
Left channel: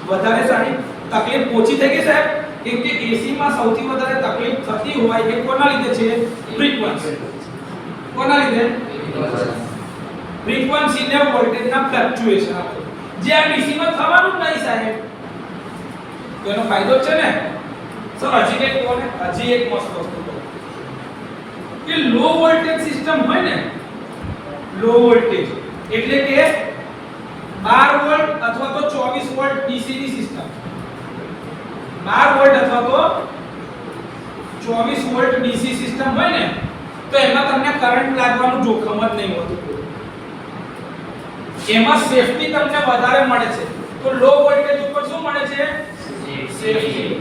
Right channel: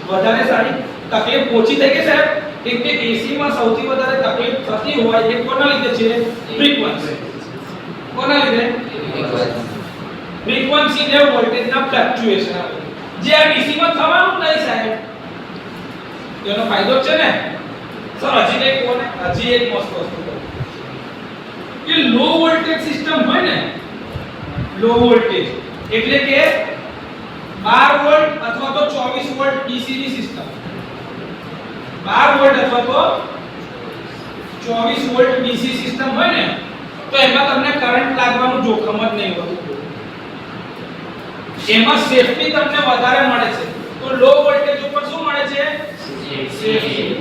વધારે સારી. તકલીફ ઓછી થઈ ગઈ સાહેબ. એટલે એસી માં સૌથી વધારે તકલીફ થતી હોય એ કોના લીધે છે? ફ્રીક્વન્સી. કોના લીધે? ફ્રીક્વન્સી ને વોલ્ટેજના ફ્લક્ચ્યુએશન આવે જે આ ડીસી માં થવાનું જ નહીં સાહેબ. તેનો ફાયદો છે ને. સર હજી એક કોને હજી એક મસ્ત વસ્તુ કે લો વોલ્ટેજ સિસ્ટમ હોય ને, લો વોલ્ટેજ એટલે કે 12 વોલ્ટ અથવા તો 24 વોલ્ટ ડીસી ની સિસ્ટમ. 12 વોલ્ટ અથવા તો 24 વોલ્ટ ડીસી સિસ્ટમ હોય ને તો એમાં તમને કરંટ લાગવાનું જોખમ જ નહીં હોતું. એમાં સેફટી તમને વધારે મળે છે. તો લો વોલ્ટેજ ઉપર શું મળે છે? સેફટી.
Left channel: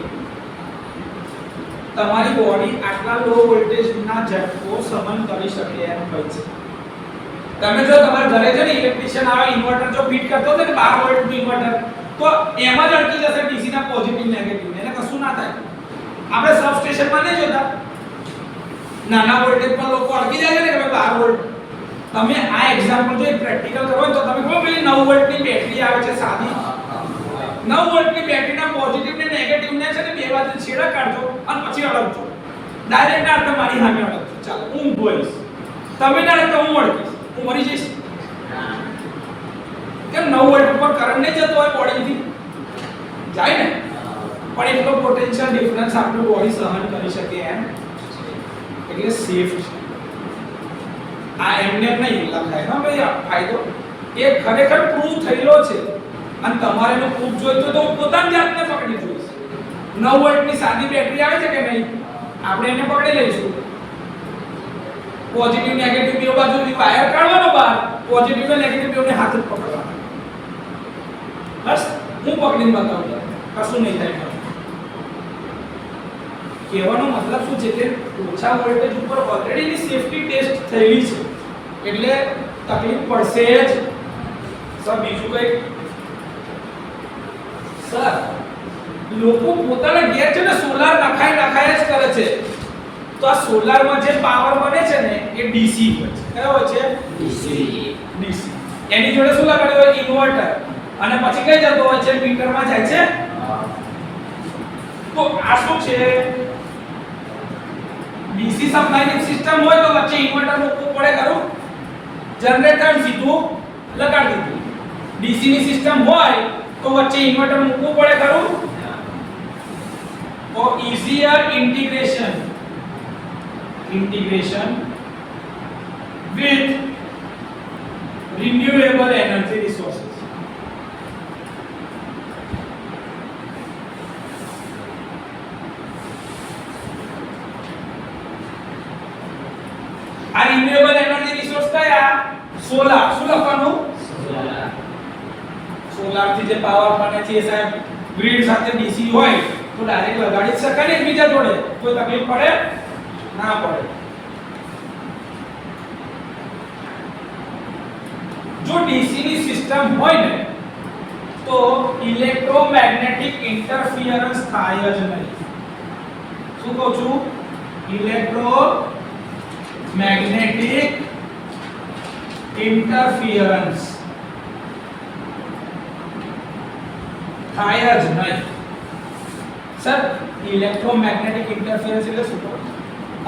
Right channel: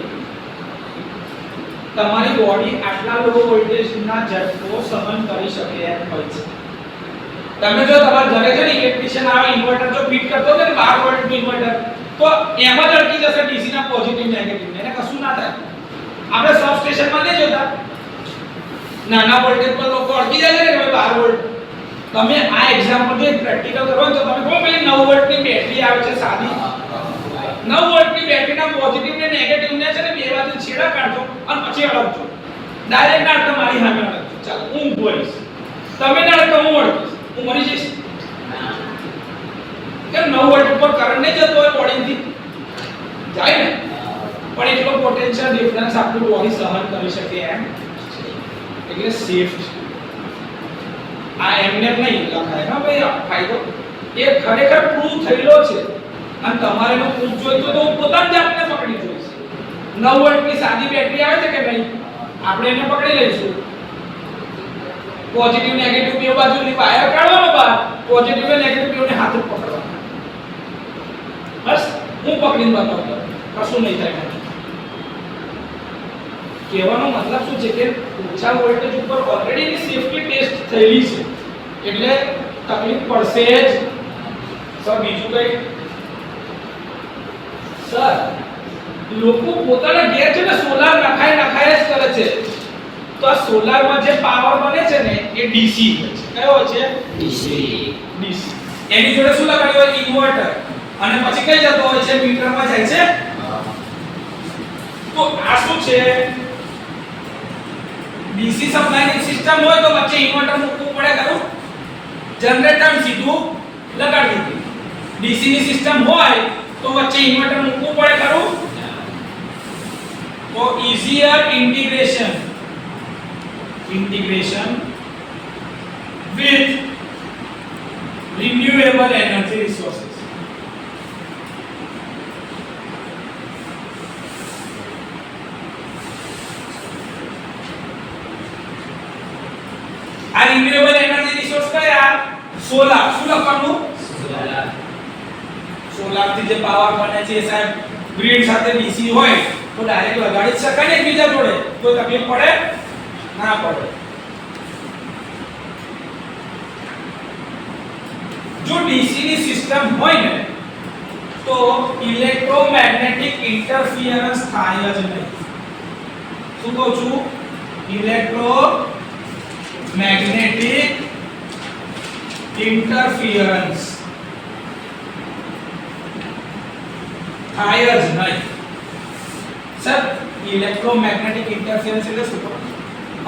તમારી બોડી આટલા લો વોલ્ટેજના ઝટકો સહન કરી શકે એમ હોય છે. તમે જો તમારા ઘરે છે ને ઇલેક્ટ્રિશિયન આવે ઇન્વર્ટર જો ફિટ કરતો હોય ને 12 વોલ્ટનું ઇન્વર્ટર તો એમાં જ અટકી જશે ડીસી ના પોઝિટિવ નેગેટિવ એને કશું ના થાય. આપણે સબ સ્ટેશનમાં નહીં જોતા નાના વોલ્ટેજ પર લોકો અટકી જાય ને કે 12 વોલ્ટ. તમે આ એક્ઝામ્પલ જો પ્રેક્ટિકલ કરો તો તમે ખબર પેલી 9 વોલ્ટની બેટરી આવે છે સાદી 9 વોલ્ટની બેટરીના પોઝિટિવ ને નેગેટિવ ને છે ને બે બાજુ છેડા કાઢજો અને પછી અડકજો. ડાયરેક્ટ ના તમારી સામે અડકજો. ચાલો હું બોલીશ તમે ના અડકો હું અડકીશ હું મરી જઈશ. કેમ 9 વોલ્ટ ઉપર કરંટ નહીં જતો હોય બોડીથી જાય ને પણ એટલો પોટેન્શિયલ ડિફરન્સ આપણું બોડી સહન કરી શકે એમ એટલે સેફ છે. આ એમને નહીં લખાય હા ભાઈ ફાયદો એ ખરેખર પ્રૂવ થયેલો છે અને તમારે એનો પ્રૂફ જોઈતો તો હું પોતાની જાતને પકડી જોઈશ. 9 વોલ્ટની સાદી બેટરી આવે છે કે નહીં આપણે એને પકડી લઈશું. પોઝિટિવ નેગેટિવ બે બાજુની વાયર કાઢવાનો બહાર પોઝિટિવ અને નેગેટિવ બેને હાથ જ પકડવાના. બસ હું પકડીને બતાવું કશું નહીં થાય. કહેવાનો મતલબ શું છે કે ઓછા વોલ્ટેજ ઉપર ઓલરેડી સેફટી ટેસ્ટ થયેલી છે એટલે તકલીફ પડશે જ. સર બીજું કઈ સર લોકો પોતાના ઘેર છે ને સોલાર નખાય જ કરે છે તો આ સોલારમાં જે પાવર બને છે ને એ ડીસી હોય છે. કયો હોય છે? ડીસી. એની જોડે શું લગાડ્યું હોય? ઇન્વર્ટર. અને પછી કઈ જતો હોય છે? મીટરમાં જાય છે. તો આ શું છે? ડીસી સપ્લાયની સિસ્ટમ હોય તો વચ્ચે ઇન્વર્ટર મૂકવું પડે ખરું. જનરેટર સીધું લગાડી દીધું. ડીસી ની સિસ્ટમ હોય તો વચ્ચે ઇન્વર્ટર મૂકવું પડે ખરું. તો easier integration with renewable energy resources. આ રિન્યુએબલ એનર્જી રિસોર્સ કયા? સોલાર. શું લખવાનું? સોલાર થી જે પાવર બને છે સાહેબ ગ્રીડ સાથે ડીસી હોય તો ડાયરેક્ટ લગાડી શકાય ને એકબીજા જોડે કોઈ તકલીફ પડે ના પડે. જો ડીસી ની સિસ્ટમ હોય ને તો ઇલેક્ટ્રોમેગ્નેટિક ઇન્ટરફિયરન્સ થાય જ નહીં. શું કહું છું? ઇલેક્ટ્રોમેગ્નેટિક ઇન્ટરફિયરન્સ થાય જ નહીં. સર ઇલેક્ટ્રોમેગ્નેટિક ઇન્ટરફિયરન્સ એટલે શું?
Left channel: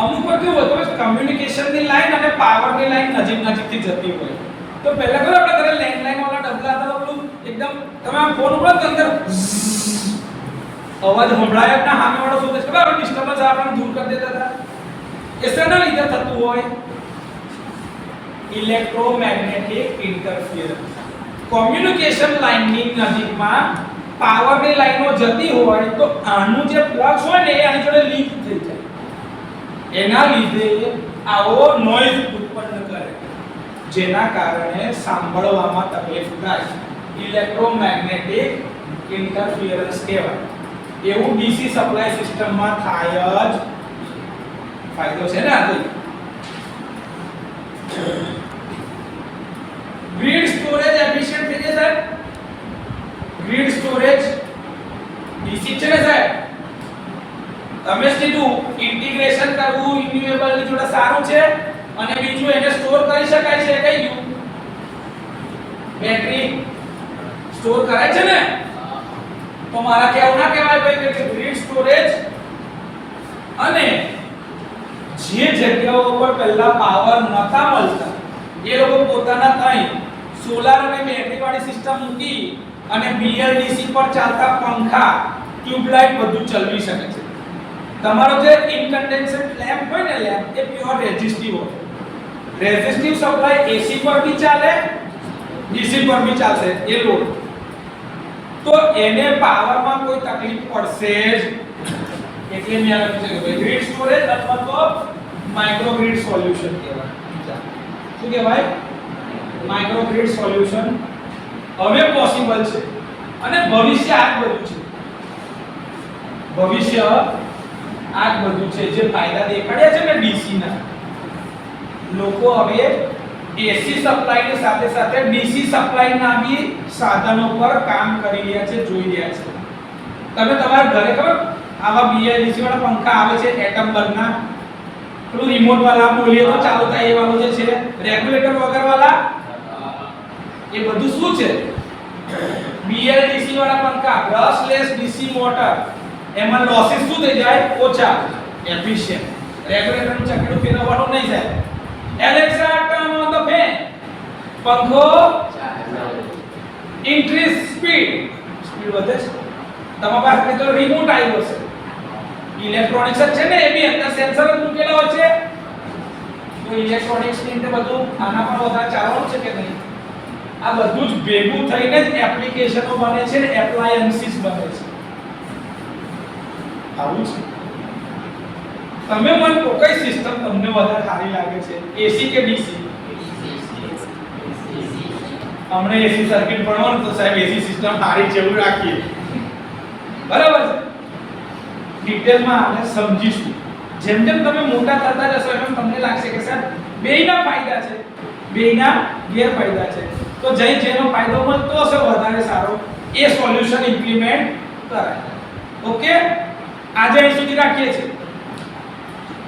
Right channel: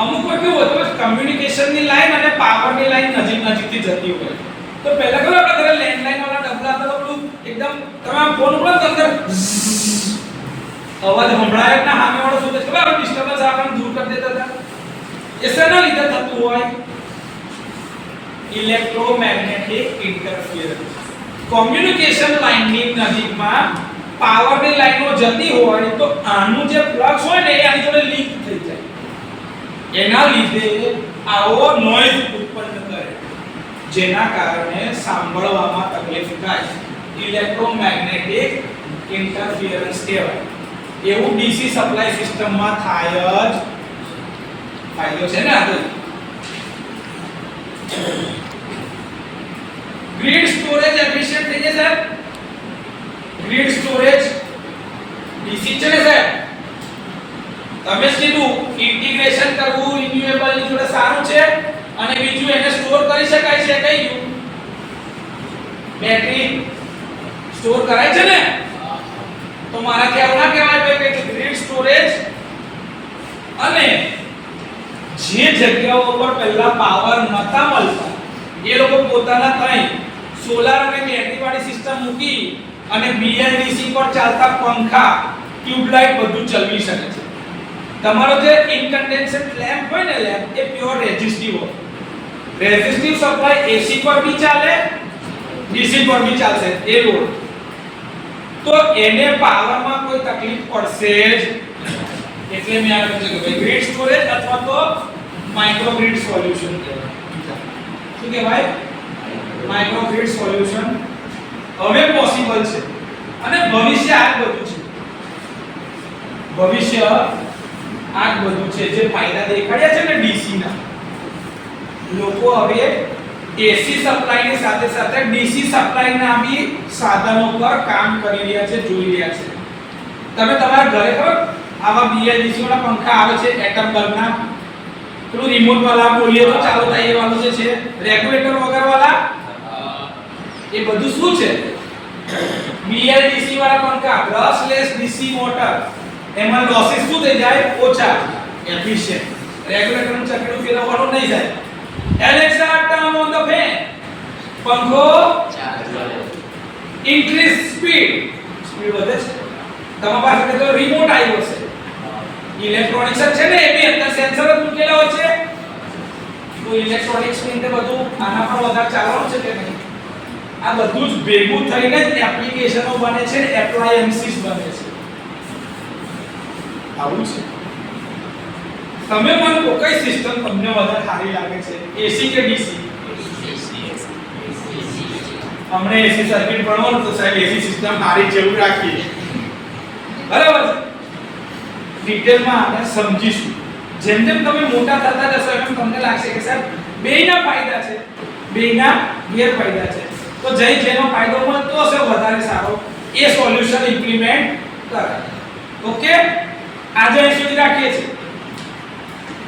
અમુક વાર કેવું હોય તો કમ્યુનિકેશનની લાઈન અને પાવરની લાઈન નજીકથી જતી હોય તો પહેલા ખબર આપણે ઘરે લેન્ડલાઈન વાળા ડબલા હતા તો પેલું એકદમ તમે આમ ફોન ઉપર તો અંદર અવાજ સંભળાય જ ના સામે વાળો શું કહે ખબર ડિસ્ટર્બન્સ આપણને દૂર કરી દેતા હતા. એ શેના લીધે થતું હોય? Electromagnetic interference. કોમ્યુનિકેશન લાઈનની નજીકમાં પાવરની લાઈનો જતી હોય તો આનું જે ફ્લક્સ હોય ને એ આની જોડે લીક થઈ જાય. એના લીધે આવો નોઈઝ ઉત્પન્ન કરે જેના કારણે સાંભળવામાં તકલીફ થાય. ઇલેક્ટ્રોમેગ્નેટિક ઇન્ટરફિયરન્સ કહેવાય. એવું ડીસી સપ્લાય સિસ્ટમમાં થાય જ. ફાયદો છે ને આ તો. ગ્રીડ સ્ટોરેજ એફિશિયન્ટ થઈ જાય સાહેબ. ગ્રીડ સ્ટોરેજ ડીસી છે ને સાહેબ તમે કીધું ઇન્ટિગ્રેશન કરવું રિન્યુએબલ ની જોડે સારું છે અને બીજું એને સ્ટોર કરી શકાય છે. કઈ ગયું? બેટરી સ્ટોર કરાય છે ને તો મારા કેવું ના કહેવાય ભાઈ કે ગ્રીડ સ્ટોરેજ અને જે જગ્યાઓ પર પહેલા પાવર નતા મળતા એ લોકો પોતાના ત્યાં સોલાર અને બેટરી વાળી સિસ્ટમ મૂકી અને BLDC પર ચાલતા પંખા ટ્યુબલાઇટ બધું ચલાવી શકે છે. તમારો જે ઇન્કન્ડેન્સેટ લેમ્પ હોય ને લેમ્પ એ પ્યોર રેઝિસ્ટિવ હોય. રેઝિસ્ટિવ સપ્લાય AC પર ભી ચાલે DC પર ભી ચાલશે. એ લોડ તો એને પાવરમાં કોઈ તકલીફ પડશે જ એટલે મેં આ લખ્યું છે કે ભાઈ ગ્રીડ સ્ટોરેજ અથવા તો માઇક્રોગ્રીડ સોલ્યુશન કહેવાય. શું કહેવાય? માઇક્રોગ્રીડ સોલ્યુશન હવે પોસિબલ છે અને ભવિષ્ય આ જ બધું છે. ભવિષ્ય આ જ બધું છે જે ફાયદા દેખાડ્યા છે ને ડીસી ના. લોકો હવે એસી સપ્લાય ની સાથે સાથે ડીસી સપ્લાય ના બી સાધનો પર કામ કરી રહ્યા છે, જોઈ રહ્યા છે. તમે તમારા ઘરે ખબર આવા બીએલડીસી વાળા પંખા આવે છે એટમ બલ્બના, પેલું રિમોટ વાળા બોલીએ તો ચાલુ થાય એ વાળું જે છે રેગ્યુલેટર વગર વાળા, એ બધું શું છે? બીએલડીસી વાળા પંખા, બ્રશલેસ ડીસી મોટર. એમાં લોસીસ શું થઈ જાય? ઓછા, એફિશિયન્ટ. રેગ્યુલેટરનું ચકડું ફેરવવાનું નહીં જાય. Alexa turn on the fan. પંખો ઇન્ક્રીઝ સ્પીડ. સ્પીડ વધે છે. તમારી પાસે તો રિમોટ આવ્યો છે. ઇલેક્ટ્રોનિક્સ છે ને, એ બી અંદર સેન્સર જ મૂકેલા હોય છે. તો ઇલેક્ટ્રોનિક્સ ની અંદર બધું આનામાં વધારે ચાલવાનું છે કે નહીં? આ બધું જ ભેગું થઈને જ એપ્લિકેશનો બને છે ને એપ્લાયન્સીસ બને છે. આવું છે. તમે મને કઈ સિસ્ટમ તમને વધારે સારી લાગે છે, એસી કે ડીસી? અમને એસી સર્કિટ ભણવાનું તો સાહેબ એસી સિસ્ટમ સારી જેવું રાખીએ. બરાબર છે. ડિટેલમાં આને સમજીશું. જેમ જેમ તમે મોટા થતા જશો એમ તમને લાગશે કે સાહેબ બેયના ફાયદા છે, બેયના ગેરફાયદા છે. તો જેનો ફાયદો મળતો હશે વધારે સારો એ સોલ્યુશન ઇમ્પ્લિમેન્ટ કરાય. ઓકે, આજે અહીં સુધી રાખીએ છીએ.